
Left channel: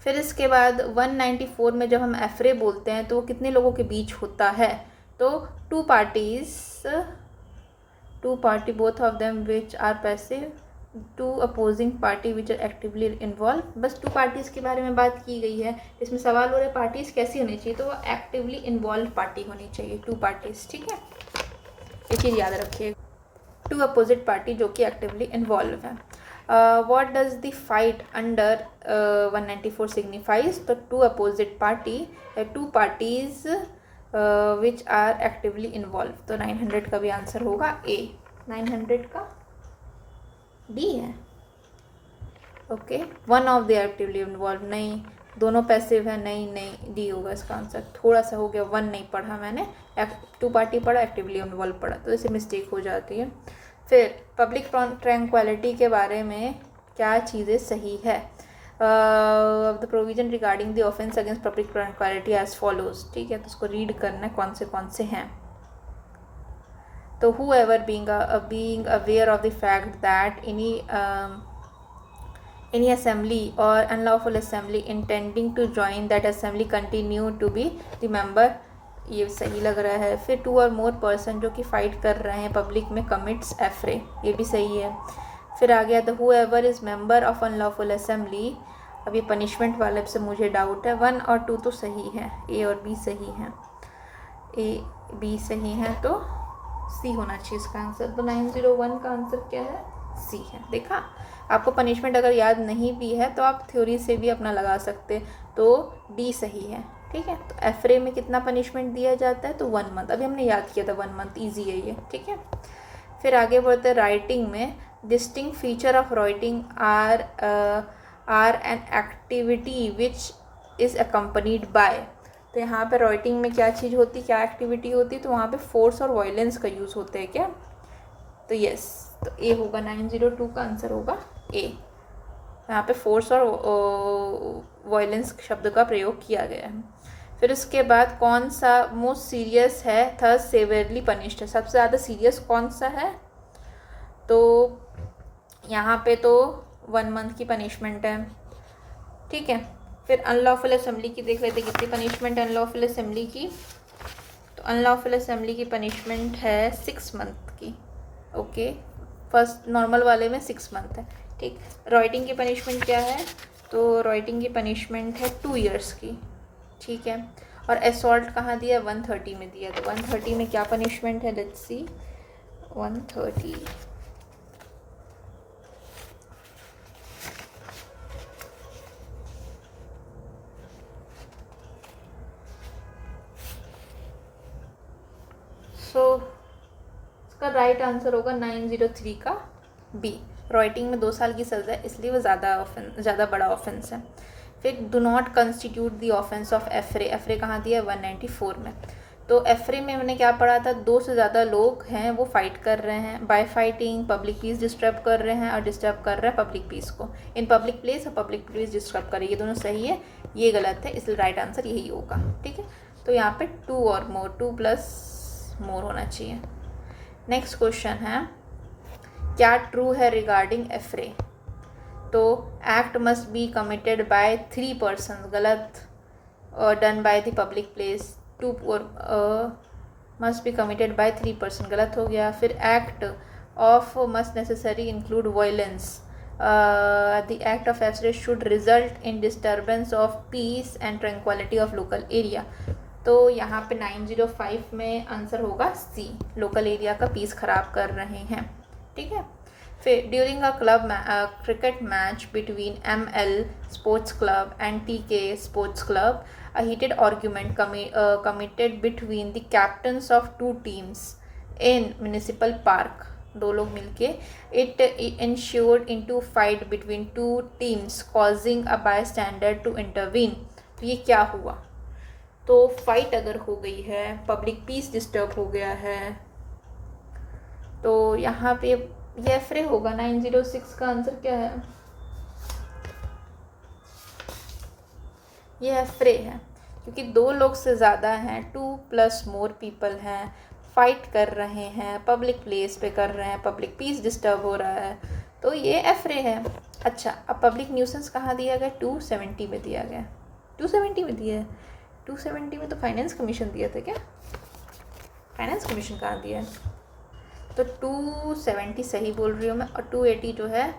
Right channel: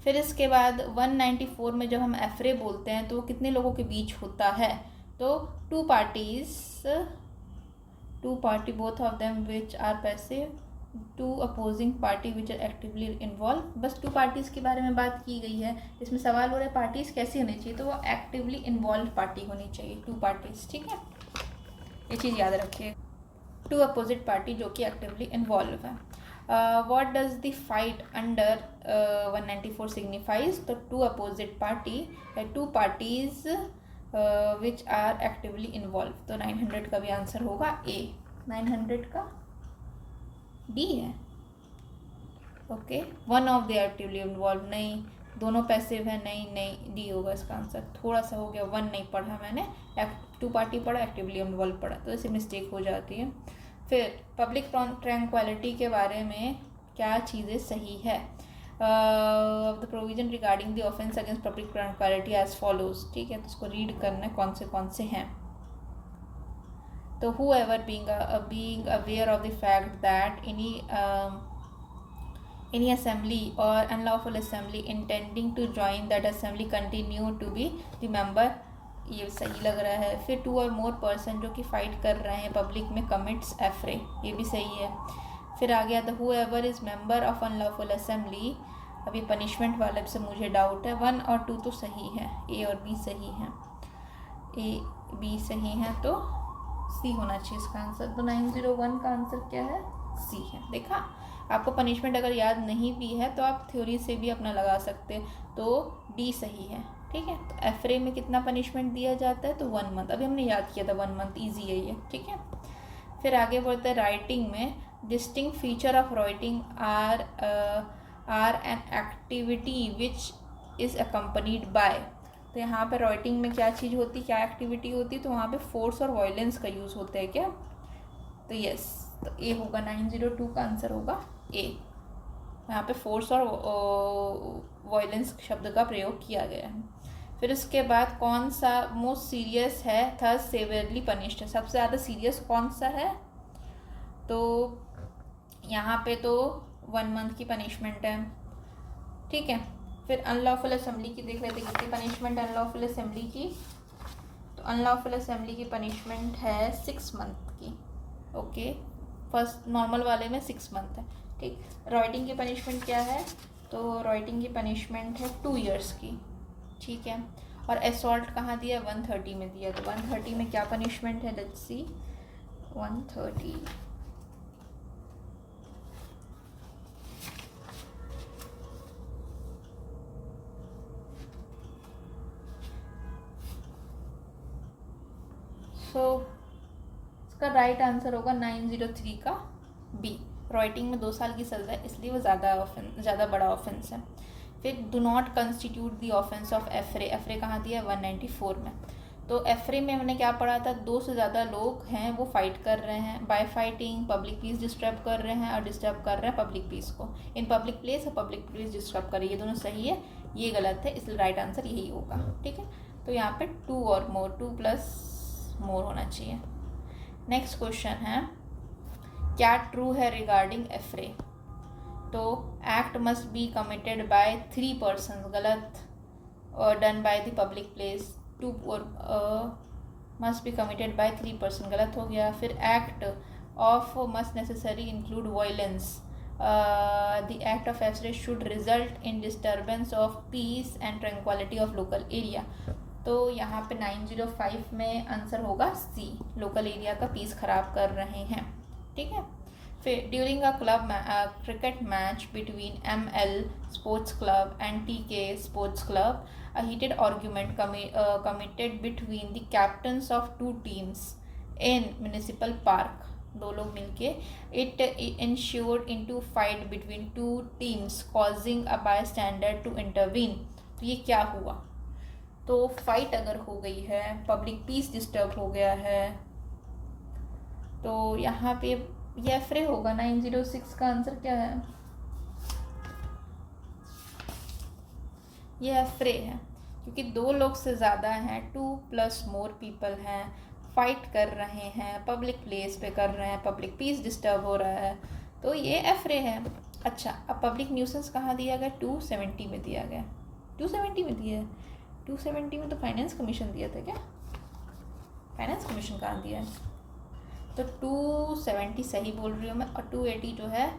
फिर इसके बाद 194 में जब हम एफरे बोलते हैं तो वो कितने लोगों के बीच होता है, तो two party both of them which are passive two opposing party which are actively involve. बस टू पार्टीज़ के बारे में बात की गई है। इसमें सवाल हो रहा है पार्टीज़ कैसी होनी चाहिए, तो वो एक्टिवली इन्वॉल्व पार्टी होनी चाहिए, टू पार्टीज़। ठीक है, ये चीज़ याद रखिए, टू अपोजिट पार्टी जो कि एक्टिवली इन्वॉल्व है। What does the fight under 194 signifies, तो two opposite party, two parties which are actively involve. तो 900 का भी आंसर होगा ए। 900 का डी है। Okay, one of the actively involve, नहीं, दोनों पैसिव है, नहीं, डी होगा इसका आंसर। थोड़ा सा हो गया, वन नहीं पढ़ा मैंने, टू पार्टी पढ़ा, एक्टिवली इन्वॉल्व पढ़ा, तो इससे मिस्टेक हो जाती है। फिर पब्लिक ट्रैंक्विलिटी के बारे में क्या चीज़ें सही है। The provision regarding the offence against public tranquillity as follows. ठीक है, तो उसको रीड करना है कौन से हैं। तो whoever being aware of the fact that any assembly or unlawful assembly intending to join that assembly continue to be the member, ये सही लग रहा है। फिर टू और मोर पर्सन जो कि फाइट कर रहे हैं पब्लिक में कमिट्स एफ्रे, ये भी सही है। फिर आ गया the whoever is member of unlawful assembly, अभी पनिशमेंट वाले से मुझे डाउट है, 1 और 2 तो सही है, ए और बी सही है, ए बी सही है, तो सी होना चाहिए इसका आंसर। तो 901 का आंसर क्या है, सी है। देखा, आपको पनिशमेंट अगर याद नहीं भी है तो आप थ्योरी से भी अपना लगा सकते, तो डी सही है। ठीक है, तो एफरे में कितना पनिशमेंट दिया जाता है, तो 1 मंथ, अभी हमने याद किया था 1 मंथ, ईजी है ये। ठीक है, फिर आगे बढ़ते हैं राइटिंग में। Distinct feature of rioting are an activity which is accompanied by. तो यहाँ पे राइटिंग में क्या चीज़ होती, क्या एक्टिविटी होती, तो वहाँ पे फोर्स और वायलेंस का यूज़ होता है क्या, तो यस, तो ए होगा। 902 का आंसर होगा ए। यहाँ पे फोर्स और वायलेंस शब्द का प्रयोग किया गया है। फिर उसके बाद कौन सा मोस्ट सीरियस है, थर्ड सेवियरली पनिश्ड है, सबसे ज़्यादा सीरियस कौन सा है, तो यहाँ पे तो 1 मंथ की पनिशमेंट है। ठीक है, फिर अनलॉफुल असेंबली की देख लेते कितनी पनिशमेंट है अनलॉफुल असेंबली की, तो अनलॉफुल असेंबली की पनिशमेंट है 6 मंथ की। ओके, फर्स्ट नॉर्मल वाले में 6 मंथ है। ठीक, राइटिंग की पनिशमेंट क्या है, तो राइटिंग की पनिशमेंट है 2 ईयर्स की। ठीक है, और असॉल्ट कहाँ दिया है, 130 में दिया, तो 130 में क्या पनिशमेंट है, लेट्स सी। 130 सो इसका राइट आंसर होगा 903 का बी। राइटिंग में 2 साल की सज़ा है, इसलिए वो ज़्यादा बड़ा ऑफेंस है। फिर do not constitute the offence of affray, affray कहाँ दिया है, 194 में। तो एफरे में हमने क्या पढ़ा था, 2 से ज़्यादा लोग हैं वो फाइट कर रहे हैं, bye fighting public peace disturb कर रहे हैं और डिस्टर्ब कर रहे हैं पब्लिक पीस को, इन पब्लिक प्लेस और पब्लिक प्लेस डिस्टर्ब कर रही है, ये दोनों सही है, ये गलत है, इसलिए राइट आंसर यही होगा। ठीक है, तो यहाँ पे 2 और मोर, 2 प्लस मोर होना चाहिए। नेक्स्ट क्वेश्चन है, क्या ट्रू है रिगार्डिंग एफरे, तो act must be committed by 3 person, गलत, और done by the public place, 2 और must be committed by 3 person, गलत हो गया। फिर act of must necessary include violence, the act of affray should result in disturbance of peace and tranquillity of local area, तो यहाँ पे 905 में आंसर होगा सी, लोकल एरिया का पीस खराब कर रहे हैं। ठीक है, फिर during a club cricket match between ML sports club and TK sports club, a heated argument committed between the captains of 2 teams in municipal park, 2 लोग मिलके, it ensued into fight between 2 teams causing a bystander to intervene, तो ये क्या हुआ, तो फाइट अगर हो गई है, पब्लिक पीस डिस्टर्ब हो गया है, तो यहाँ पे ये एफरे होगा। 906 का आंसर क्या है, ये एफरे है, क्योंकि 2 लोग से ज़्यादा हैं, 2 प्लस मोर पीपल हैं, फाइट कर रहे हैं, पब्लिक प्लेस पे कर रहे हैं, पब्लिक पीस डिस्टर्ब हो रहा है, तो ये एफरे है। अच्छा, अब पब्लिक न्यूसेंस कहाँ दिया गया, 270 में दिया गया, 270 में दिया है, 270 में तो फाइनेंस कमीशन दिया था क्या, फाइनेंस कमीशन कहाँ दिया है, तो 270 सही बोल रही हूँ मैं, और 280 जो है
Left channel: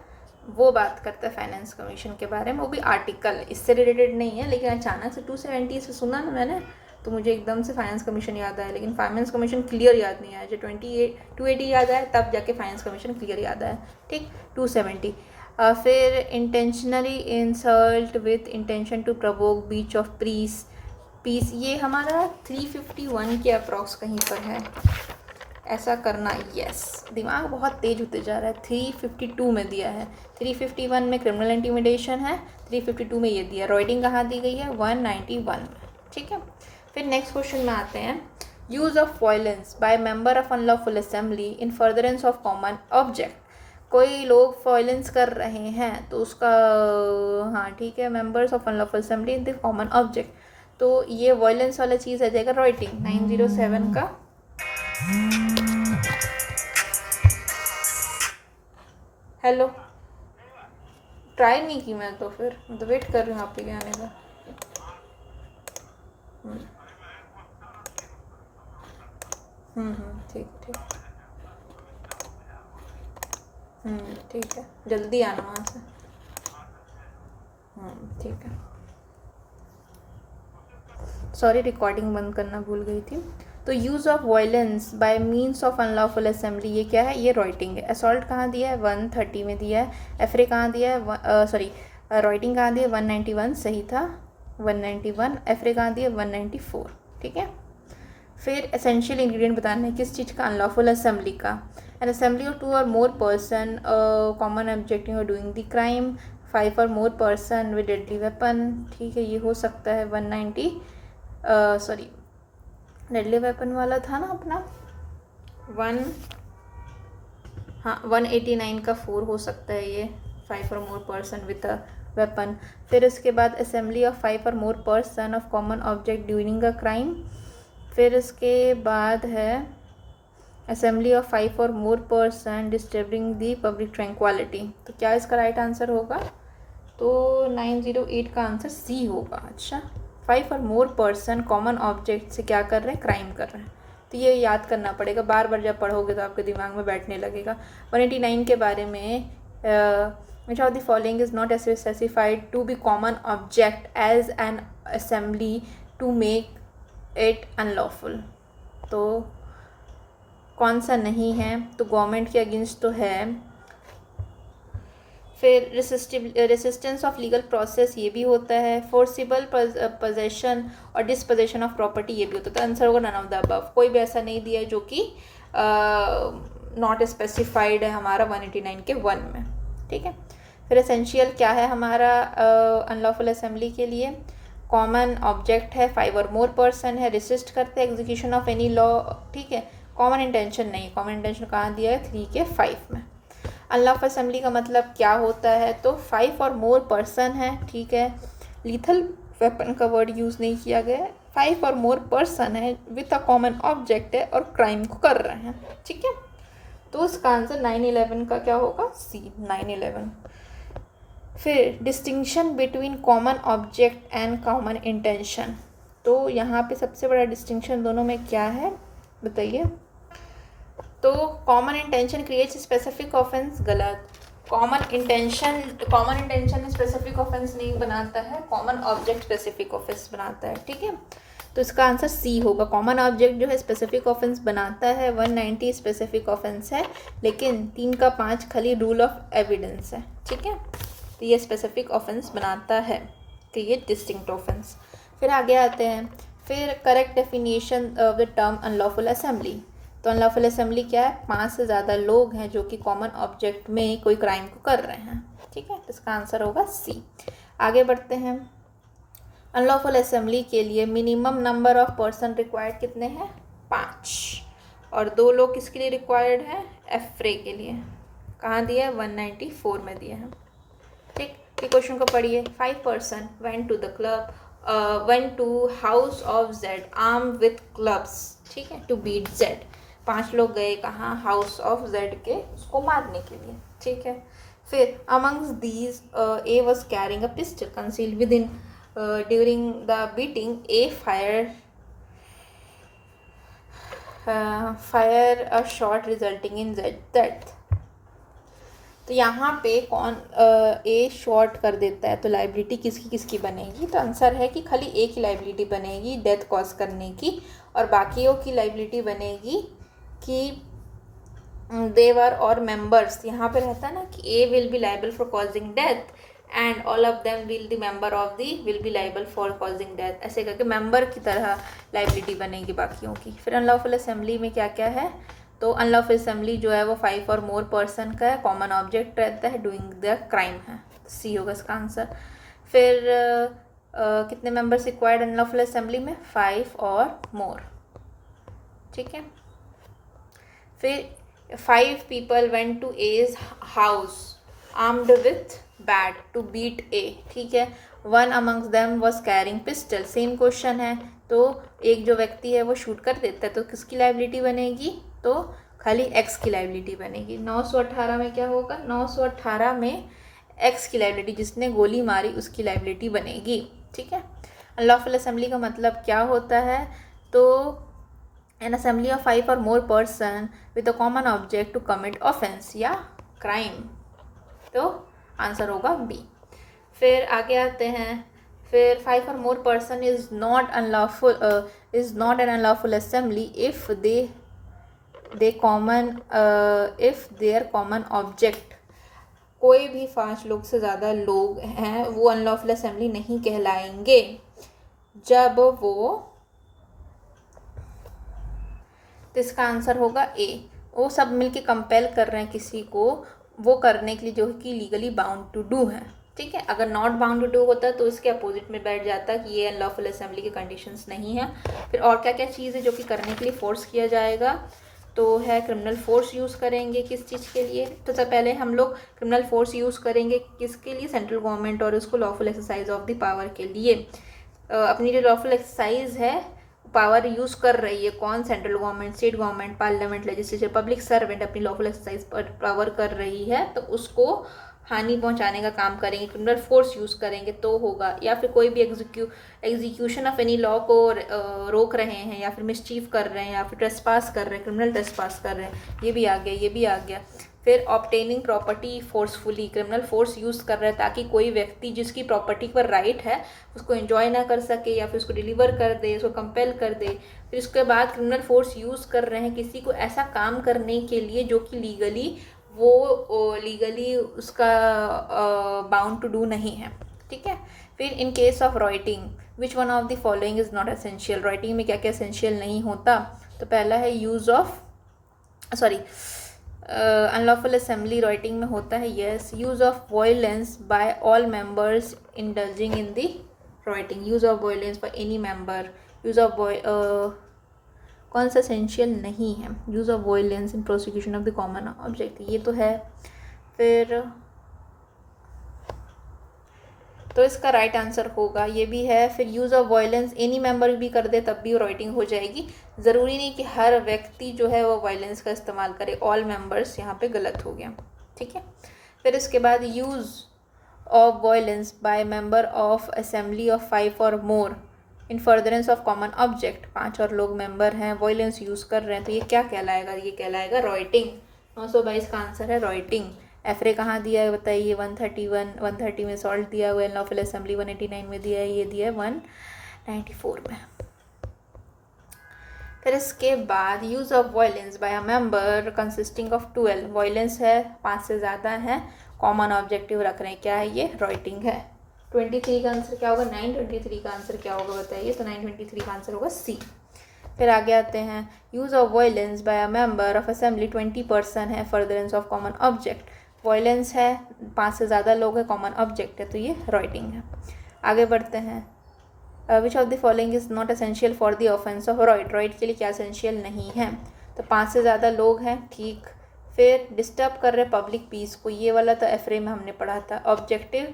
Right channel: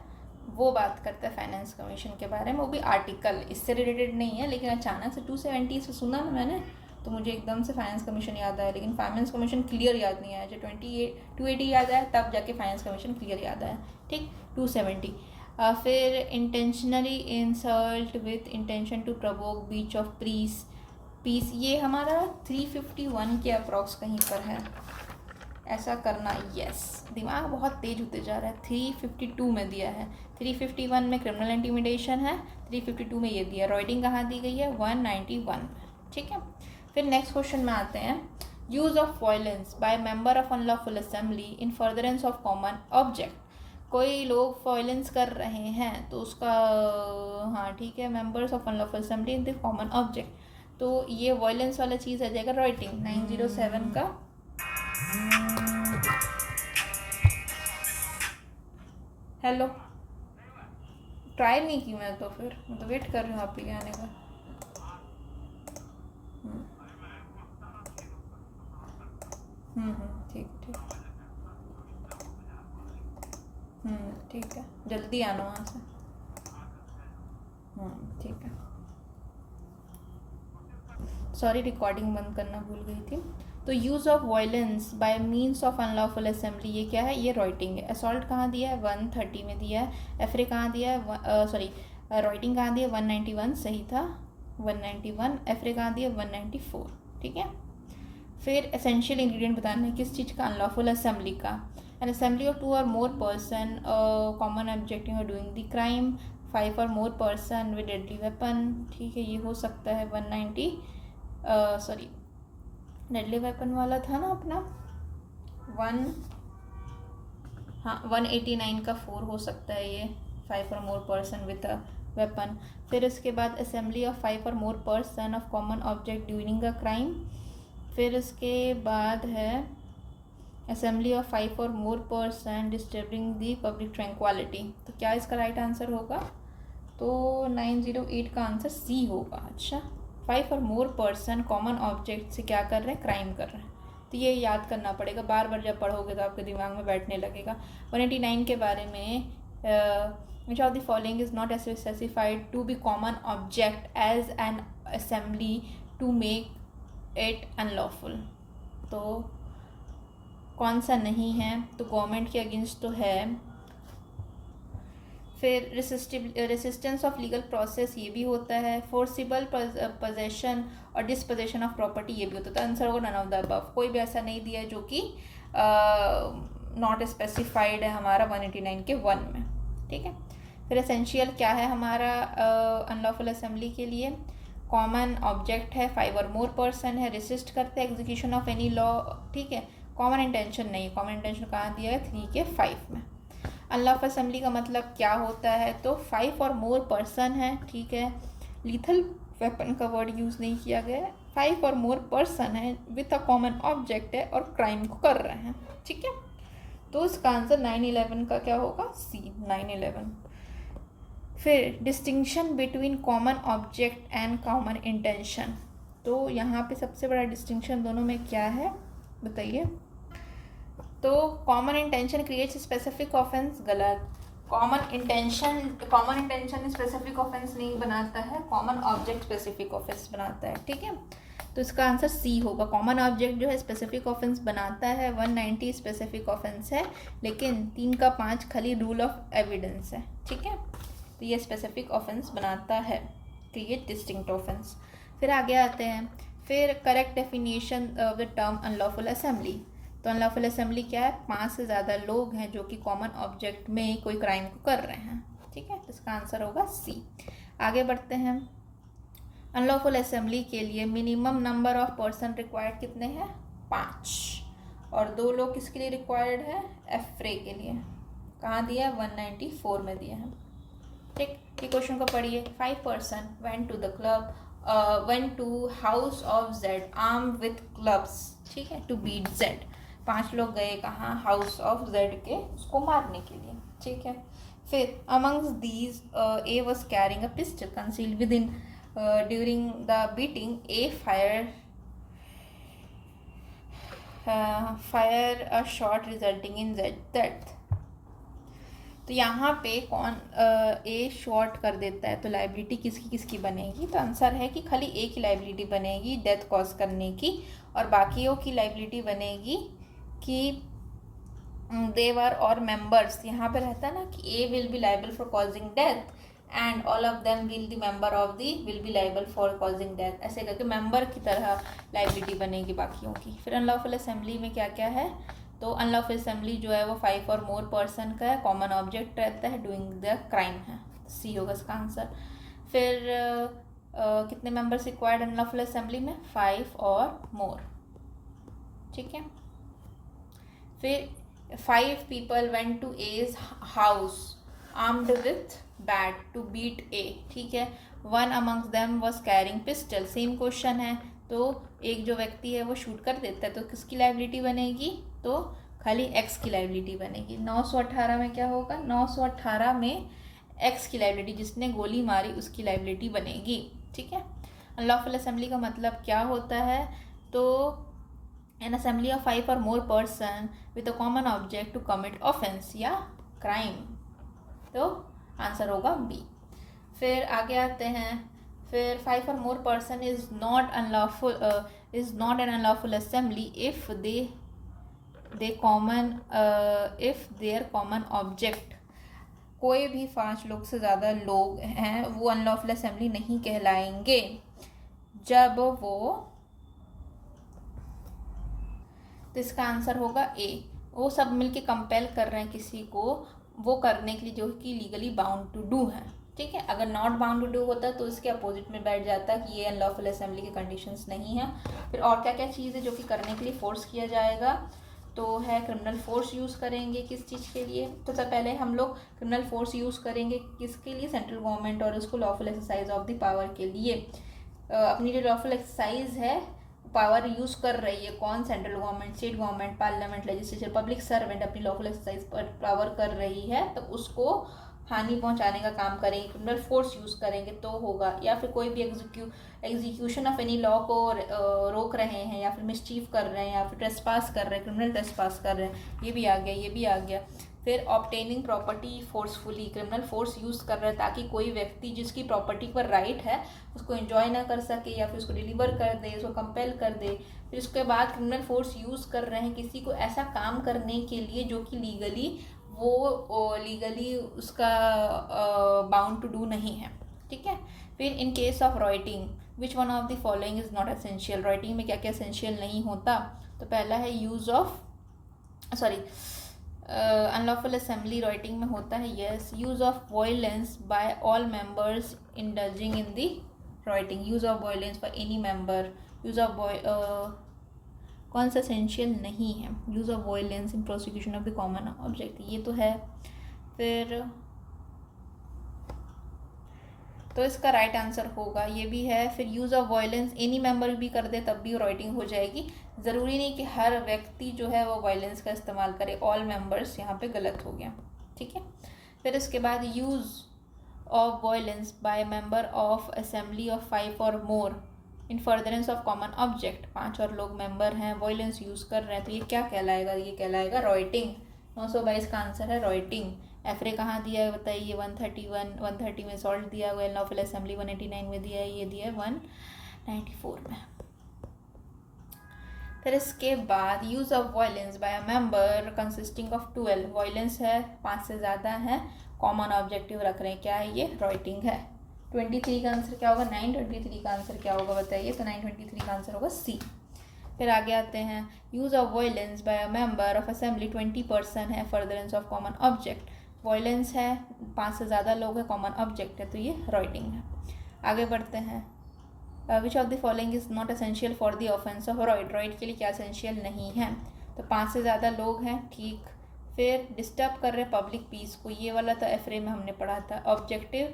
वो बात करता है फाइनेंस कमीशन के बारे में, वो भी आर्टिकल, इससे रिलेटेड नहीं है, लेकिन अचानक से 270 से सुना ना मैंने तो मुझे एकदम से फाइनेंस कमीशन याद आया, लेकिन फाइनेंस कमीशन क्लियर याद नहीं आया। जो 280 याद आया तब जाके फाइनेंस कमीशन क्लियर याद आया। ठीक, 270। फिर intentionally insult with intention to provoke breach of peace, ये हमारा 351 के अप्रॉक्स कहीं पर है, ऐसा करना। यस, दिमाग बहुत तेज होते जा रहा है। 352 में दिया है, 351 में क्रिमिनल इंटिमिडेशन है, 352 में ये दिया। राइटिंग कहाँ दी गई है? 191। ठीक है, फिर नेक्स्ट क्वेश्चन में आते हैं। Use of violence by member of unlawful assembly in furtherance of common object. कोई लोग वायलेंस कर रहे हैं तो उसका, हाँ ठीक है, members of unlawful assembly in the common object, तो ये वायलेंस वाला चीज़ आ जाएगा राइटिंग 907 का। हेलो, ट्राई नहीं की मैं, तो फिर मैं तो वेट कर रही हूँ आपके आने का। ठीक ठीक, ठीक है, जल्दी आना वहाँ से। ठीक है, सॉरी रिकॉर्डिंग बंद करना भूल गई थी। तो use of violence bye means of unlawful assembly, ये क्या है? ये राइटिंग है। असॉल्ट कहाँ दिया है? 130 में दिया है। एफरे कहाँ दिया है? सॉरी, राइटिंग कहाँ दिया है? 191 सही था, 191। एफरे कहाँ दिया है? 194। ठीक है, फिर एसेंशियल इंग्रेडिएंट बताना है किस चीज़ का? अनलॉफुल असेंबली का। एन असेंबली ऑफ 2 और more person common objective of doing the crime, 5 और more person with deadly weapon. ठीक है, ये हो सकता है 190, सॉरी डेडली वेपन वाला था ना अपना 189 का 4 हो सकता है ये, 5 और more person with a weapon. फिर इसके बाद असेंबली ऑफ 5 और more person of common object during a crime. फिर इसके बाद है असेंबली ऑफ 5 और मोर पर्सन डिस्टर्बिंग दी पब्लिक ट्रैंक्विलिटी। तो क्या इसका राइट आंसर होगा? तो 908 का आंसर सी होगा। अच्छा, 5 और मोर पर्सन कॉमन ऑब्जेक्ट से क्या कर रहे हैं? क्राइम कर रहे हैं। तो ये याद करना पड़ेगा, बार बार जब पढ़ोगे तो आपके दिमाग में बैठने लगेगा। 189 के बारे में, which of the following is not specified to be common object as an assembly to make it unlawful. तो कौन सा नहीं है? तो गवर्नमेंट के अगेंस्ट तो है। फिर रेसिस्टेंस ऑफ लीगल प्रोसेस, ये भी होता है। फोर्सिबल पोजेशन और डिस्पोजेशन ऑफ प्रॉपर्टी, ये भी होता है। तो आंसर होगा नन ऑफ द अबव। कोई भी ऐसा नहीं दिया है जो कि नॉट स्पेसिफाइड है हमारा 189 के 1 में। ठीक है, फिर एसेंशियल क्या है हमारा अनलॉफुल असेंबली के लिए? कॉमन ऑब्जेक्ट है, 5 और मोर पर्सन है, रेसिस्ट करते हैं एग्जीक्यूशन ऑफ एनी लॉ। ठीक है, कॉमन इंटेंशन नहीं, कॉमन इंटेंशन कहाँ दिया है? 3 के 5 में। अनलॉफुल असेंबली का मतलब क्या होता है? तो 5 और मोर पर्सन है। ठीक है, लीथल वेपन का वर्ड यूज़ नहीं किया गया है, 5 और मोर पर्सन है विथ अ कॉमन ऑब्जेक्ट है और क्राइम को कर रहे हैं। ठीक है, तो इसका आंसर 911 का क्या होगा? सी, 911। फिर distinction between common object and common intention, तो यहाँ पे सबसे बड़ा डिस्टिंक्शन दोनों में क्या है बताइए? तो common intention creates specific offence, गलत। कॉमन इंटेंशन स्पेसिफिक ऑफेंस नहीं बनाता है, कॉमन ऑब्जेक्ट स्पेसिफिक ऑफेंस बनाता है। ठीक है, तो इसका आंसर सी होगा। कॉमन ऑब्जेक्ट जो है स्पेसिफिक ऑफेंस बनाता है, 190 स्पेसिफिक ऑफेंस है, लेकिन 3 का 5 खाली रूल ऑफ एविडेंस है। ठीक है, तो ये स्पेसिफिक ऑफेंस बनाता है, क्रिएट डिस्टिंक्ट ऑफेंस। फिर आगे आते हैं, फिर correct definition of the term unlawful assembly. तो अनलॉफुल असेंबली क्या है? 5 से ज़्यादा लोग हैं जो कि कॉमन ऑब्जेक्ट में कोई क्राइम को कर रहे हैं। ठीक है, तो इसका आंसर होगा सी। आगे बढ़ते हैं। अनलॉफुल असेंबली के लिए minimum number of person required कितने हैं? 5, और 2 लोग किसके लिए रिक्वायर्ड है? एफ्रे के लिए। कहाँ दिया है? 194 में दिया है। ठीक, ये क्वेश्चन को पढ़िए। 5 person went to the club, went to house of Z arm with clubs. ठीक है, टू बीट जेड। 5 लोग गए कहाँ? हाउस ऑफ जेड के, उसको मारने के लिए। ठीक है, फिर amongst these A was carrying a pistol concealed with in, during the beating A fire fire a shot resulting in death. तो यहाँ पे कौन ए शॉर्ट कर देता है तो लाइबिलिटी किसकी किसकी बनेगी? तो आंसर है कि खाली ए की लाइबिलिटी बनेगी डेथ कॉज करने की, और बाकियों की लाइबिलिटी बनेगी कि देवर और मेंबर्स। यहाँ पे रहता है ना कि A will be liable for causing death and all of them will the member of the will be liable for causing death, ऐसे करके मेंबर की तरह लाइबिलिटी बनेगी बाकियों की। फिर अनलॉफुल असेंबली में क्या क्या है? तो अनलॉफुल असेंबली जो है वो 5 और मोर पर्सन का है, कॉमन ऑब्जेक्ट रहता है, डूइंग द क्राइम है, सी होगा इसका आंसर। फिर कितने मेंबर्स रिक्वायर्ड अनलॉफुल असेंबली में? 5 और मोर, ठीक है। फिर 5 people went to A's house armed with bat to beat A, ठीक है। One amongst them was carrying pistol, same question है। तो एक जो व्यक्ति है वो शूट कर देता है तो किसकी लाइबिलिटी बनेगी? तो खाली एक्स की लाइबिलिटी बनेगी। 918 में क्या होगा? 918 में एक्स की लाइबिलिटी, जिसने गोली मारी उसकी लाइबिलिटी बनेगी, ठीक है। अनलॉफुल असेंबली का मतलब क्या होता है? तो an assembly of 5 or more person with a common object to commit offense या crime, तो आंसर होगा बी। फिर आगे आते हैं। फिर 5 or more person is not an unlawful assembly if their common object, कोई भी 5 लोग से ज़्यादा लोग हैं वो अनलॉफुल असेंबली नहीं कहलाएंगे जब वो, तो इसका आंसर होगा ए। वो सब मिलके कंपेल कर रहे हैं किसी को वो करने के लिए जो कि लीगली बाउंड टू डू है, ठीक है। अगर नॉट बाउंड टू डू होता तो इसके अपोजिट में बैठ जाता कि ये अनलॉफुल असेंबली के कंडीशंस नहीं है। फिर और क्या क्या चीज़ है जो कि करने के लिए फोर्स किया जाएगा? तो है क्रिमिनल फोर्स यूज़ करेंगे किस चीज़ के लिए? तो सबसे पहले हम लोग क्रिमिनल फोर्स यूज़ करेंगे किसके लिए? सेंट्रल गवर्नमेंट और उसको lawful exercise of the power के लिए। अपनी जो लॉफुल एक्सरसाइज है पावर यूज़ कर रही है कौन? Central government, state government, parliament, legislature, public servant अपनी लॉफुल एक्सरसाइज पर पावर कर रही है तो उसको हानि पहुंचाने का काम करेंगे, क्रिमिनल फोर्स यूज़ करेंगे तो होगा। या फिर कोई भी एग्जीक्यूशन ऑफ एनी लॉ को रोक रहे हैं या फिर मिसचीफ कर रहे हैं या फिर ट्रेसपास कर रहे हैं, क्रिमिनल ट्रेसपास कर रहे हैं, ये भी आ गया, ये भी आ गया। फिर obtaining property forcefully, criminal force use कर रहे हैं ताकि कोई व्यक्ति जिसकी प्रॉपर्टी पर राइट है उसको एंजॉय ना कर सके या फिर उसको डिलीवर कर दे, उसको कंपेल कर दे। फिर उसके बाद क्रिमिनल फोर्स यूज़ कर रहे हैं किसी को ऐसा काम करने के लिए जो कि लीगली उसका बाउंड टू डू नहीं है, ठीक है। फिर in case of writing which one of the following is not essential? Writing में क्या क्या एसेंशियल नहीं होता? तो पहला है अनलॉफुल असेंबली राइटिंग में होता है yes, use of violence by all members indulging in the rioting, use of violence by any member, use of कौन सा एसेंशियल नहीं है? Use of violence in prosecution of the common object, ये तो है। फिर तो इसका राइट आंसर होगा ये भी है। फिर use of violence any member भी कर दे तब भी राइटिंग हो जाएगी, ज़रूरी नहीं कि हर व्यक्ति जो है वो वायलेंस का इस्तेमाल करे, ऑल मेंबर्स यहाँ पे गलत हो गया, ठीक है। फिर इसके बाद use of violence by member of assembly of 5 और more in furtherance of common object, 5 और लोग मेंबर हैं वायलेंस यूज़ कर रहे हैं तो ये क्या कहलाएगा? ये कहलाएगा राइटिंग। 922 का आंसर है राइटिंग। एफरे कहाँ दिया है बताइए? 130 में सॉल्ट दिया हुआ है, अनलॉफुल असेंबली 189 में दिया है, ये दिया है 194 में। फिर इसके बाद use of violence by a member consisting of 12, violence है 5 से ज़्यादा है, कॉमन ऑब्जेक्टिव रख रहे हैं, क्या है ये? राइटिंग है। 23 का आंसर क्या होगा? 923 का आंसर क्या होगा बताइए? तो 923 का आंसर होगा सी। फिर आगे आते हैं use of violence by a member of assembly 20 person है, furtherance of common object, violence है 5 से ज़्यादा लोग हैं, कॉमन ऑब्जेक्ट है तो ये राइटिंग है। आगे बढ़ते हैं। विच of the following is not essential for the offence of right, right के लिए क्या एसेंशियल नहीं है? तो 5 से ज़्यादा लोग हैं, ठीक। फिर डिस्टर्ब कर रहे पब्लिक पीस को, ये वाला तो एफरे में हमने पढ़ा था। ऑब्जेक्टिव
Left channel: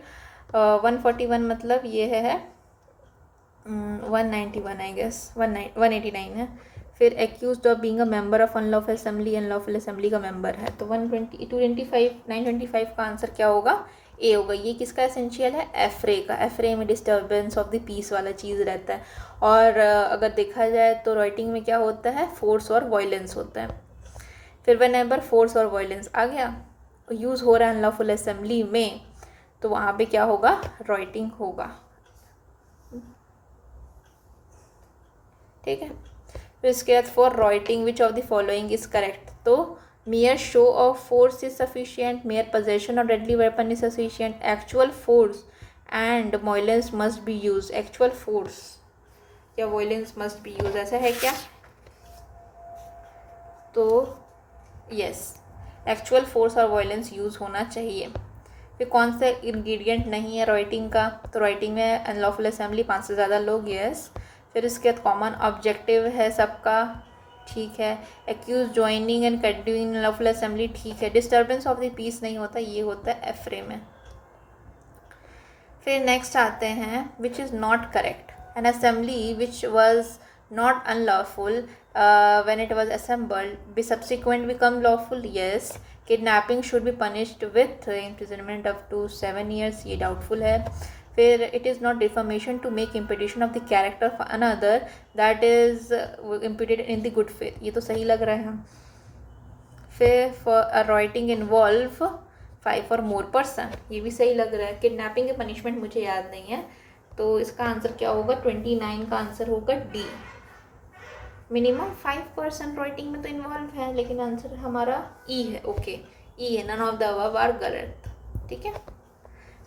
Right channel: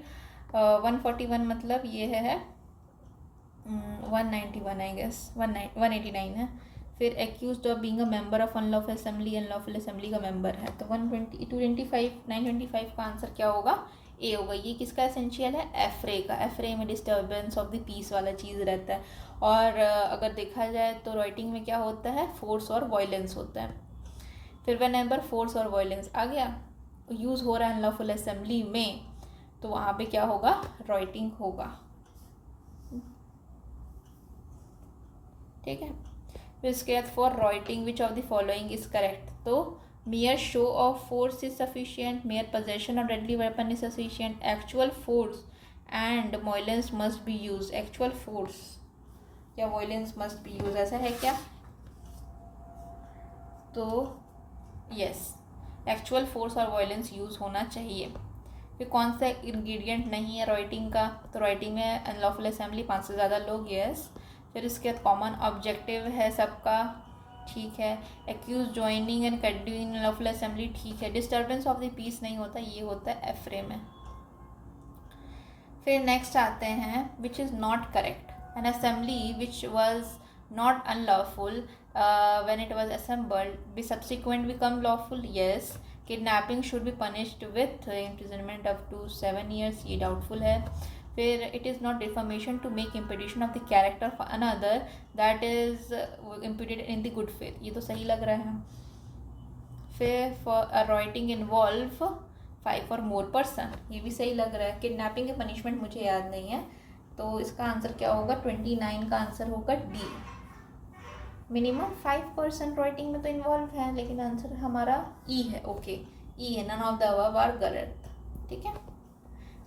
141 मतलब ये है 191 आई गेस 189 है। फिर accused of being a member of unlawful assembly का मेंबर है तो 925 का आंसर क्या होगा? ए होगा। ये किसका एसेंशियल है? एफरे का। एफरे में डिस्टर्बेंस ऑफ द पीस वाला चीज़ रहता है। और अगर देखा जाए तो राइटिंग में क्या होता है? फोर्स और वायलेंस होता है। फिर व्हेनेवर फोर्स और वायलेंस आ गया, यूज़ हो रहा है अनलॉफुल असेंबली में, तो वहाँ पे क्या होगा? राइटिंग होगा। ठीक है। तो इसके बाद for writing which of the following is correct, तो mere show of force is sufficient, mere possession of deadly weapon is sufficient, actual force and violence must be used। actual force या violence must be used, ऐसा है क्या? तो यस, एक्चुअल फोर्स और वायलेंस यूज़ होना चाहिए। फिर कौन सा इंग्रेडिएंट नहीं है राइटिंग का? तो राइटिंग में अनलॉफुल असेंबली, 5 से ज़्यादा लोग, यस। फिर इसके बाद कॉमन ऑब्जेक्टिव है सबका, ठीक है। Accused joining and continuing unlawful assembly, ठीक है। डिस्टर्बेंस ऑफ द पीस नहीं होता, ये होता है एफरे में। फिर नेक्स्ट आते हैं विच is not correct, N assembly which was not unlawful when it was assembled be subsequent become lawful, yes। kidnapping should be punished with imprisonment up to 7 years, ये doubtful है। फिर it is not defamation to make imputation of the character of another that is imputed in the good faith, ये तो सही लग रहा है। फिर for a writing involve 5 or more person, ये भी सही लग रहा है। किडनैपिंग की पनिशमेंट मुझे याद नहीं है, तो इसका आंसर क्या होगा? 29 का आंसर होगा डी। मिनिमम 5% राइटिंग में तो इन्वॉल्व है, लेकिन आंसर हमारा ई है। ओके, ई है, none of the above are correct, ठीक है।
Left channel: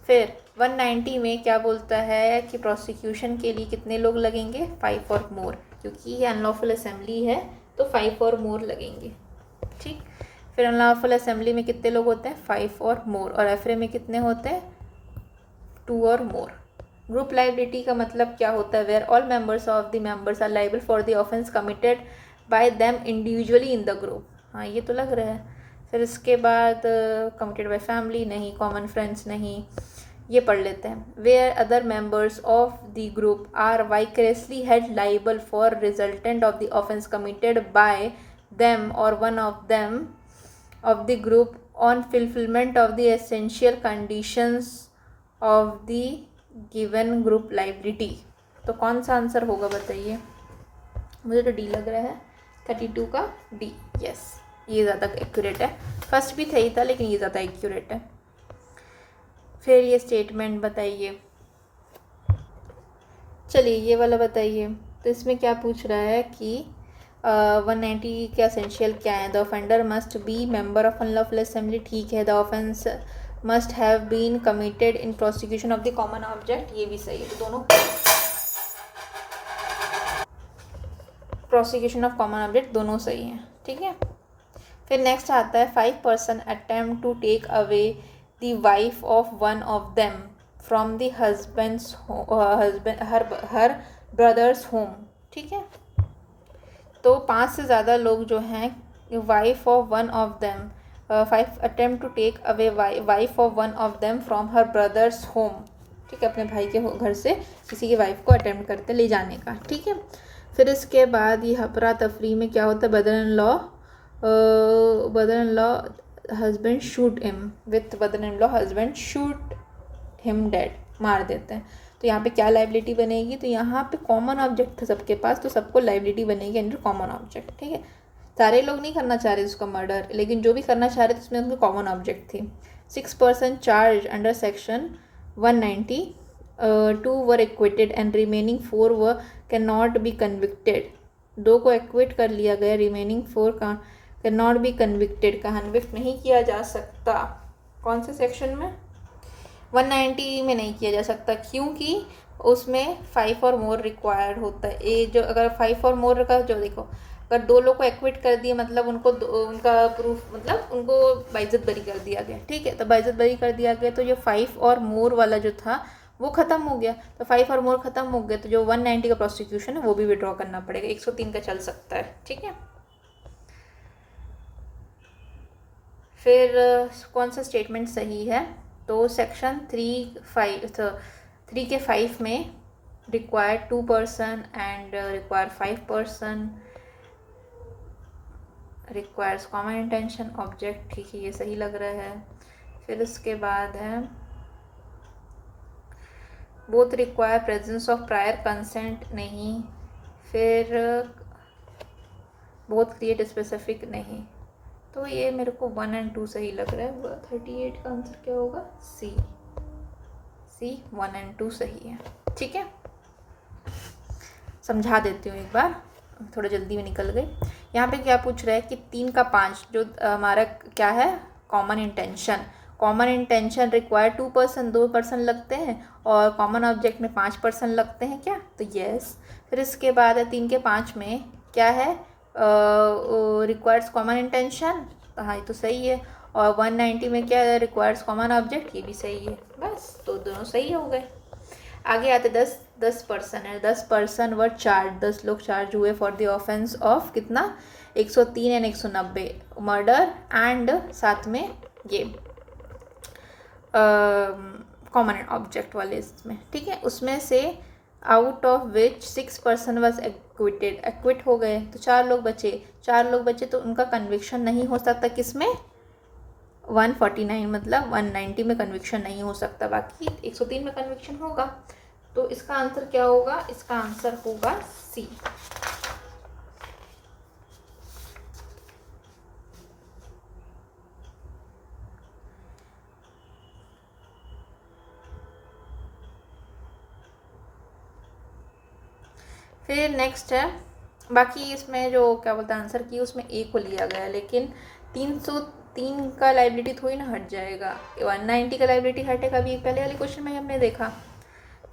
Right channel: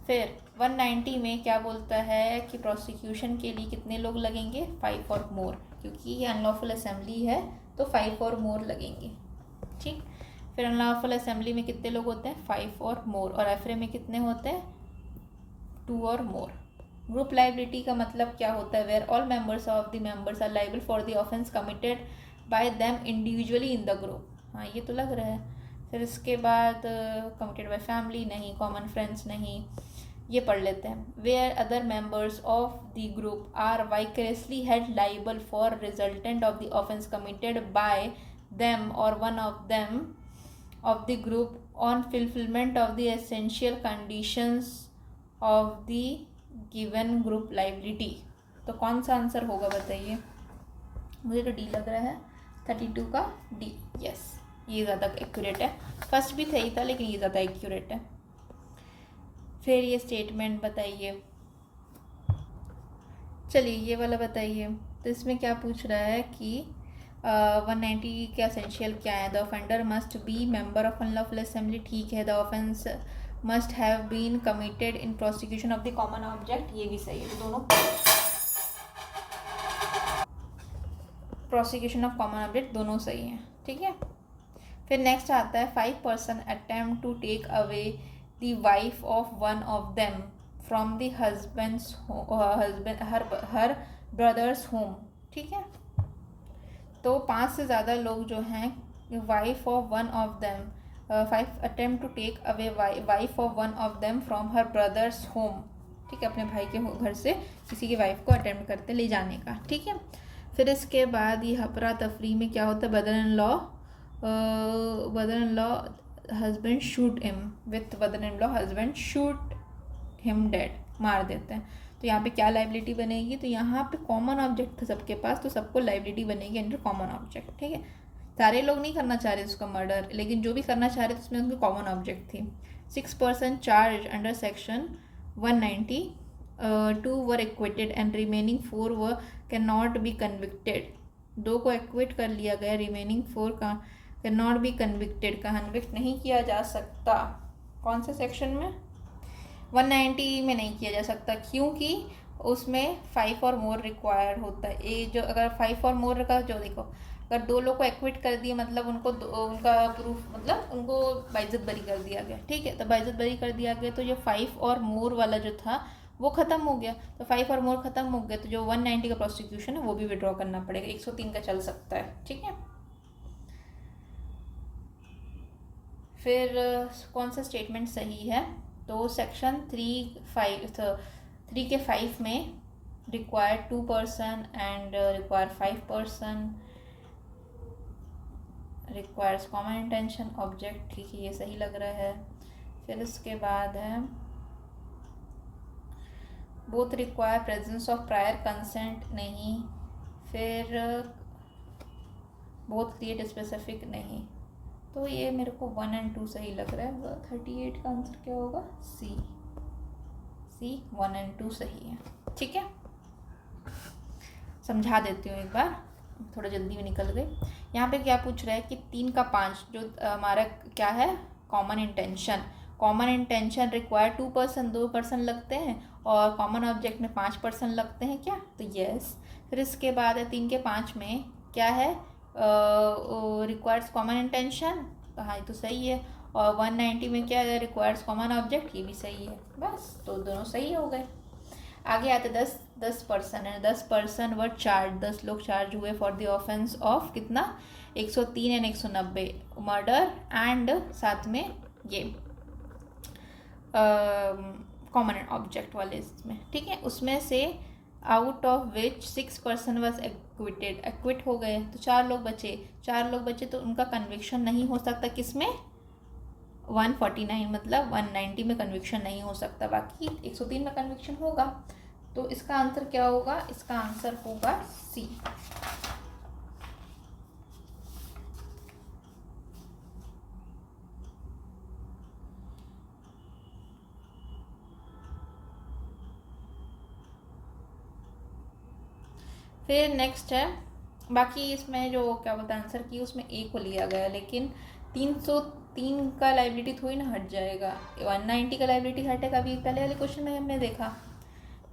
फिर 190 में क्या बोलता है कि प्रोसिक्यूशन के लिए कितने लोग लगेंगे? 5 और मोर, क्योंकि ये अनलॉफुल असेंबली है तो 5 और मोर लगेंगे, ठीक। फिर अनलॉफुल असेंबली में कितने लोग होते हैं? 5 और मोर। और एफरे में कितने होते हैं? 2 और मोर। ग्रुप लाइबिलिटी का मतलब क्या होता है? Where all members of the members are liable for the offence committed by them individually in the group, हाँ ये तो लग रहा है। फिर इसके बाद कमिटेड बाय फैमिली नहीं, कॉमन फ्रेंड्स नहीं, ये पढ़ लेते हैं। Where other members of the group are vicariously held liable for resultant of the offence committed by them और one of them of the group on fulfilment of the essential conditions of the given group liability, तो कौन सा आंसर होगा बताइए? मुझे तो डी लग रहा है, 32 का डी, यस, ये ज़्यादा एक्यूरेट है। फर्स्ट भी सही था लेकिन ये ज़्यादा एक्यूरेट है। फिर ये स्टेटमेंट बताइए, चलिए ये वाला बताइए। तो इसमें क्या पूछ रहा है कि 190 के एसेंशियल क्या है? The offender must be member of unlawful assembly, ठीक है। The offence must have been committed in prosecution of the common object, ये भी सही है। दोनों प्रोसिक्यूशन ऑफ कॉमन ऑब्जेक्ट दोनों सही हैं, ठीक है। फिर नेक्स्ट आता है 5 person attempt to take away the wife of one of them from the husband's her brother's home, ठीक है। तो 5 से ज़्यादा लोग जो हैं, wife of one of them, 5 attempt to take away wife of one of them from her brother's home, ठीक है। अपने भाई के घर से किसी की वाइफ को अटेम्प्ट करते ले जाने का, ठीक है। फिर इसके बाद ये हफरा तफरी में क्या होता है? Brother in law husband shoot him with brother in law husband shoot him dead, मार देते हैं। तो यहाँ पे क्या लाइबिलिटी बनेगी? तो यहाँ पे कॉमन ऑब्जेक्ट था सबके पास, तो सबको लाइबिलिटी बनेगी अंडर कॉमन ऑब्जेक्ट, ठीक है। सारे लोग नहीं करना चाह रहे उसका मर्डर, लेकिन जो भी करना चाह रहे थे उसमें उनकी कॉमन ऑब्जेक्ट थी। 6 person charge under section 190, 2 were acquitted and remaining 4 were can not B convicted, 2 को एक्विट कर लिया गया, रिमेनिंग 4 का can not B convicted, convict नहीं किया जा सकता। कौन से सेक्शन में? 190 में नहीं किया जा सकता, क्योंकि उसमें 5 और मोर रिक्वायर्ड होता है। ये जो अगर 5 और मोर का जो देखो, अगर 2 लोग को एक्विट कर दिया मतलब उनको उनका प्रूफ मतलब उनको बाइज्जत बरी कर दिया गया, ठीक है। तो बाइज्जत बरी कर दिया गया, तो जो 5 और मोर वाला जो था वो ख़त्म हो गया। तो 5 और मोर ख़त्म हो गया, तो जो 190 का प्रोसिक्यूशन है वो भी विड्रॉ करना पड़ेगा। 103 का चल सकता है, ठीक है। फिर कौन सा स्टेटमेंट सही है? तो सेक्शन 3 के 5 में require 2 person and require 5 person, requires common intention object, ठीक है, ये सही लग रहा है। फिर उसके बाद है both require presence of prior consent नहीं, फिर बोथ क्रिएट स्पेसिफिक नहीं। तो ये मेरे को 1 और 2 सही लग रहा है। 38 का आंसर क्या होगा? सी 1 और 2 सही है। ठीक है, समझा देती हूँ एक बार, थोड़ा जल्दी में निकल गई। यहाँ पे क्या पूछ रहा है कि 3 का 5 जो हमारा क्या है, common intention. Common intention require 2 person, 2 person लगते हैं, और कॉमन ऑब्जेक्ट में 5 पर्सन लगते हैं क्या? तो यस। फिर इसके बाद 3 के 5 में क्या है, रिक्वायर्स कॉमन इंटेंशन, हाँ ये तो सही है। और 190 में क्या है, रिक्वायर्स कॉमन ऑब्जेक्ट, ये भी सही है। बस तो दोनों सही हो गए। आगे आते 10 पर्सन है, 10 पर्सन वर चार्ज, 10 लोग चार्ज हुए फॉर द ऑफेंस ऑफ कितना, 103 एंड 190 मर्डर एंड साथ में ये कॉमन ऑब्जेक्ट वाले इसमें। ठीक है, उसमें से out of which 6 person was acquitted, equity हो गए तो 4 लोग बचे। 4 लोग बचे तो उनका कन्विक्शन नहीं हो सकता किसमें, 149 मतलब 190 में कन्विक्शन नहीं हो सकता, बाकी 103 में कन्विक्शन होगा। तो इसका आंसर क्या होगा? इसका आंसर होगा सी। फिर नेक्स्ट है, बाकी इसमें जो क्या बोलते हैं आंसर की, उसमें ए को लिया गया, लेकिन 303 का लाइबिलिटी थोड़ी ना हट जाएगा, 190 का लाइबिलिटी हटेगा, अभी पहले वाले क्वेश्चन में हमने देखा।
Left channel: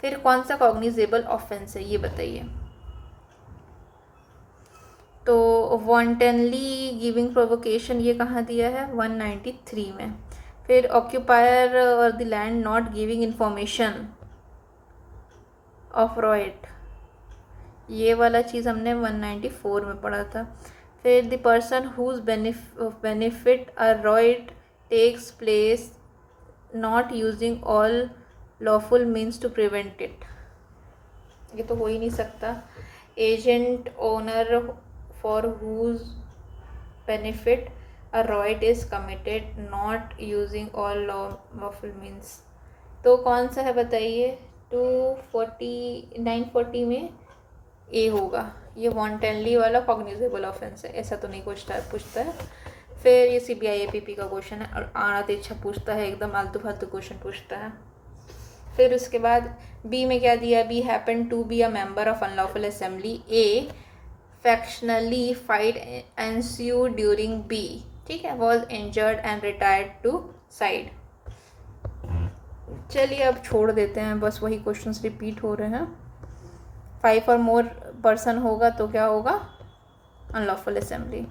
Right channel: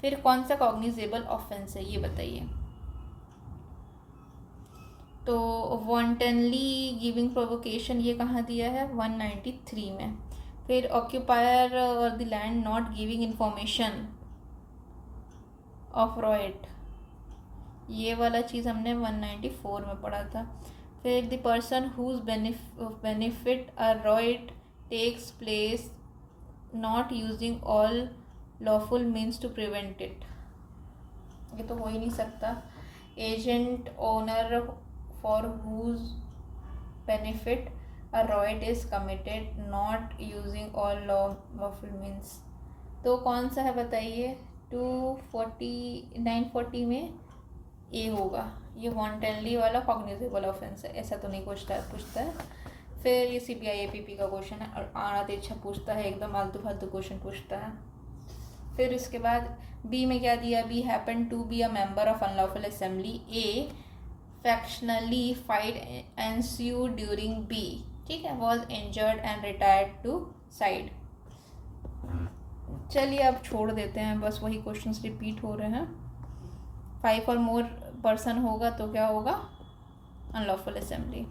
फिर कौन सा कॉग्निजेबल ऑफेंस है ये बताइए। तो वॉन्टेनली गिविंग प्रोवोकेशन ये कहाँ दिया है, 193 में। फिर ऑक्यूपायर और the land not giving information of right, ये वाला चीज़ हमने 194 में पढ़ा था। फिर the person whose benefit a right takes place not using all lawful means to prevent it, ये तो हो ही नहीं सकता। Agent owner for whose benefit a right is committed not using all lawful means, तो कौन सा है बताइए। 940 में ए होगा, ये वॉन्टेनली वाला कॉग्निजेबल ऑफेंस है, ऐसा तो नहीं पूछता है। फिर ये CPI APP का क्वेश्चन है, और आना तो इच्छा पूछता है, एकदम आलतू फालतू क्वेश्चन पूछता है। फिर उसके बाद बी में क्या दिया, B happen to be a member of unlawful assembly, a factionally fight ensued during B, ठीक है, was injured and retired to side. चलिए अब छोड़ देते हैं, बस वही क्वेश्चंस रिपीट हो रहे हैं। 5 और मोर पर्सन होगा तो क्या होगा, अनलॉफुल असेंबली।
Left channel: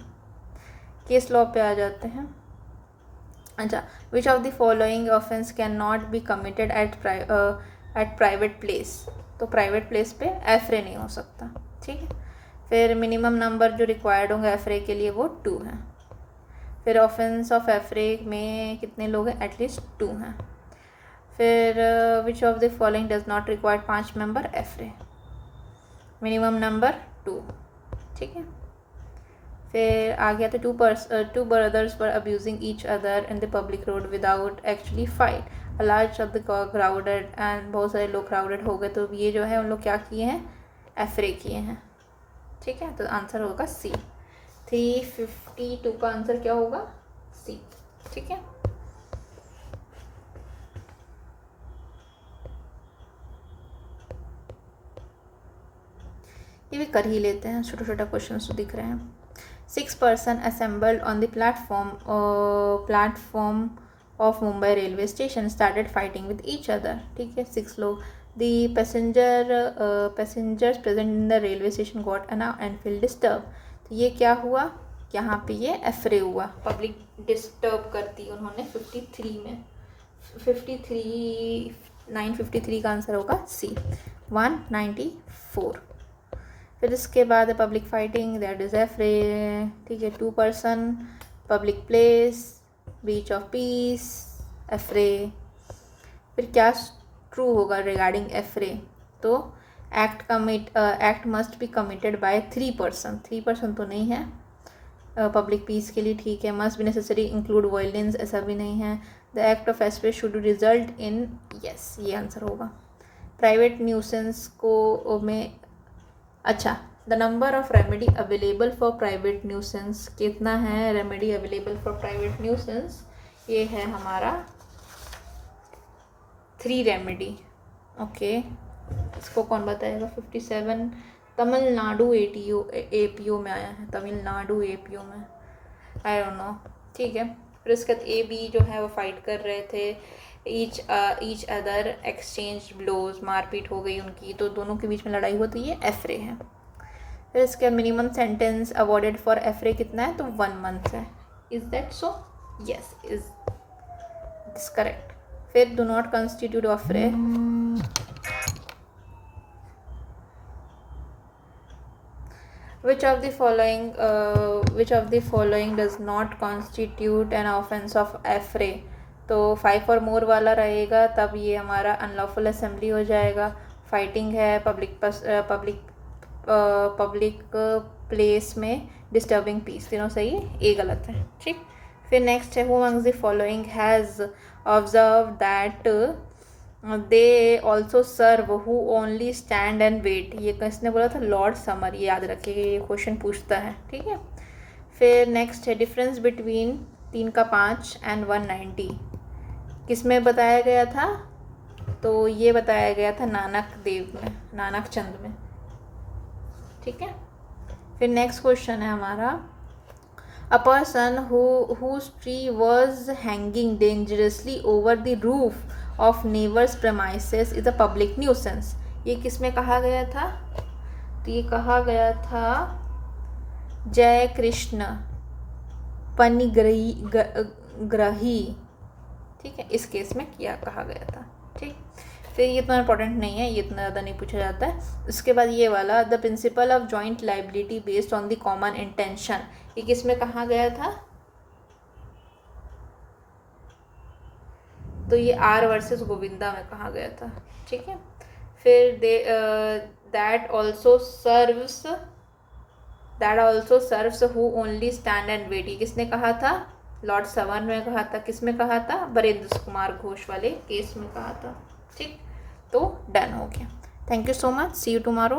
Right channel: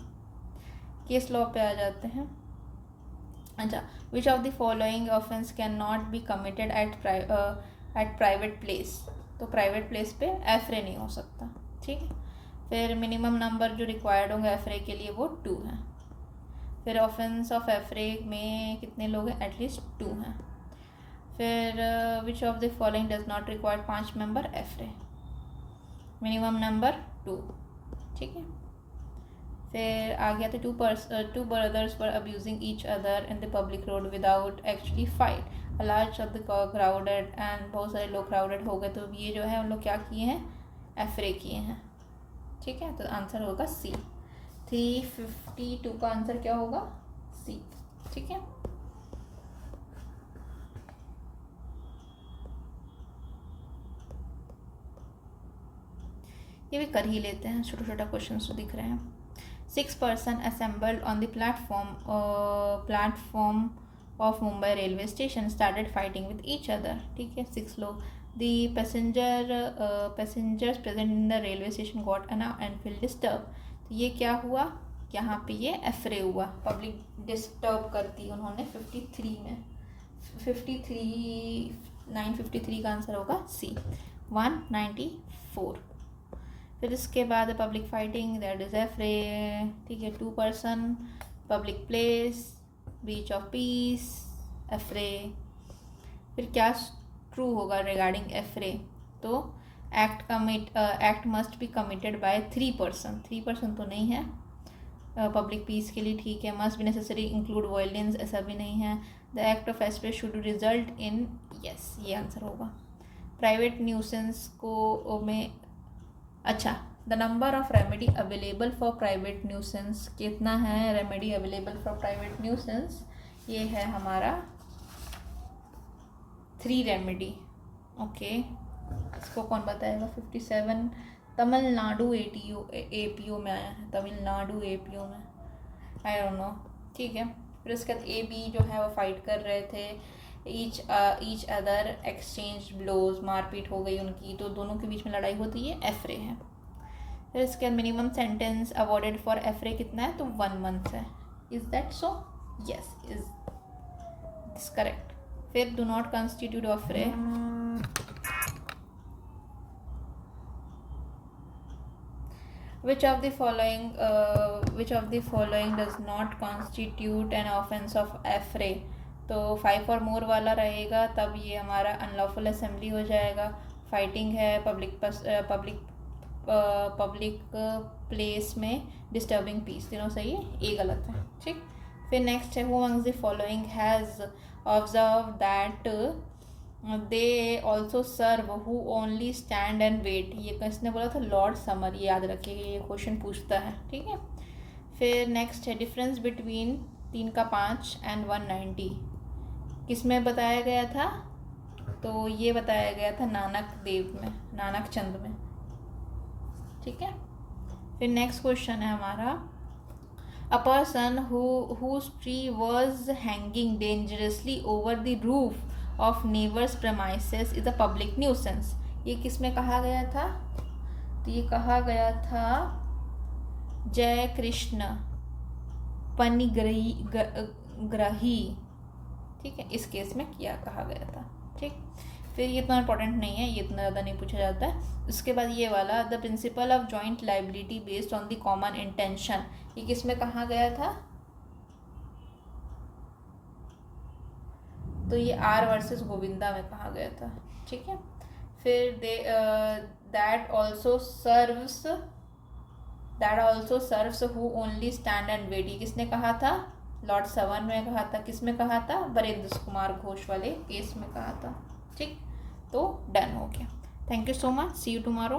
केस लॉ पे आ जाते हैं। अच्छा, which of the following offence can not be committed at private place, तो प्राइवेट प्लेस पे एफरे नहीं हो सकता। ठीक है, फिर मिनिमम नंबर जो रिक्वायर्ड होंगे एफरे के लिए वो 2 हैं। फिर ऑफेंस ऑफ एफरे में कितने लोग हैं, एटलीस्ट 2 हैं। फिर which of the following does not require 5 member affray, minimum number 2। ठीक है, फिर आ गया तो 2 brothers were abusing each other in the public road without actually fight, a large of the crowded and बहुत सारे लोग crowded हो गए, तो ये जो है उन लोग क्या किए हैं, एफरे किए हैं। ठीक है, तो आंसर होगा सी। 352 का आंसर क्या होगा, सी। ठीक है, ये भी कर ही लेते हैं, छोटा छोटा क्वेश्चन तो दिख रहे हैं। 6 person assembled on the platform of Mumbai railway station started fighting with each other. ठीक है, 6 लोग। The passengers present in the railway station got announced and feel disturb, तो ये क्या हुआ, यहाँ पे ये एफरे हुआ, पब्लिक डिस्टर्ब करती उन्होंने 53 में। 953 का आंसर होगा सी, 194। फिर इसके बाद public fighting, that is affray. ठीक है, 2 person, public place, breach of peace, affray. फिर क्या ट्रू होगा रिगार्डिंग एफरे, तो act must be committed by 3 person, 3 person तो नहीं है पब्लिक पीस के लिए। ठीक है, must be necessary include violence, ऐसा भी नहीं है। The act of affray should result in, yes ये आंसर होगा। प्राइवेट न्यूसेंस को में, अच्छा, the number of remedy available for private nuisance कितना है? Remedy available for private nuisance ये है हमारा 3 रेमेडी। ओके, इसको कौन बताएगा? 57 तमिलनाडु एपीओ में आया है, तमिलनाडु एपीओ में, आई डोंट नो। ठीक है, फिर उसके बाद ए बी जो है वो फाइट कर रहे थे, ईच अदर एक्सचेंज ब्लोज, मारपीट हो गई उनकी, तो दोनों के बीच में लड़ाई होती है, एफरे है। फिर इसके minimum sentence awarded for affray कितना है? तो 1 मंथ है। Is that so? Yes, is this correct. फिर do not constitute affray, which of the following does not constitute an offense of affray? तो 5 और मोर वाला रहेगा, तब ये हमारा अनलॉफुल असेंबली हो जाएगा। फाइटिंग है, पब्लिक प्लेस में डिस्टर्बिंग पीस, तीनों सही है, ये गलत है। ठीक, फिर नेक्स्ट है who amongst the following has observe that they also serve who only stand and wait, ये किसने बोला था? लॉर्ड समर, ये याद रखिएगा, ये क्वेश्चन पूछता है। ठीक है, फिर नेक्स्ट है डिफरेंस बिटवीन 3 का 5 एंड 190 किस में बताया गया था? तो ये बताया गया था नानक चंद में। ठीक है, फिर नेक्स्ट क्वेश्चन है हमारा a person whose tree was hanging dangerously over the roof of neighbor's premises is a public nuisance, ये किस में कहा गया था? तो ये कहा गया था जय कृष्ण पनिग्रही। ठीक है, इस केस में किया कहा गया था। ठीक, फिर ये इतना इंपॉर्टेंट नहीं है, ये इतना ज़्यादा नहीं पूछा जाता है। उसके बाद ये वाला the principle of joint liability based on the common intention, ये किस में कहा गया था? तो ये आर वर्सेस गोविंदा में कहा गया था। ठीक है, फिर that also serves who only stand and wait, ये किसने कहा था? लॉर्ड सवन में कहा था। किस में कहा था? बरेंद्र कुमार घोष वाले केस में कहा था। ठीक, तो डन हो गया। Thank you so much, see you tomorrow.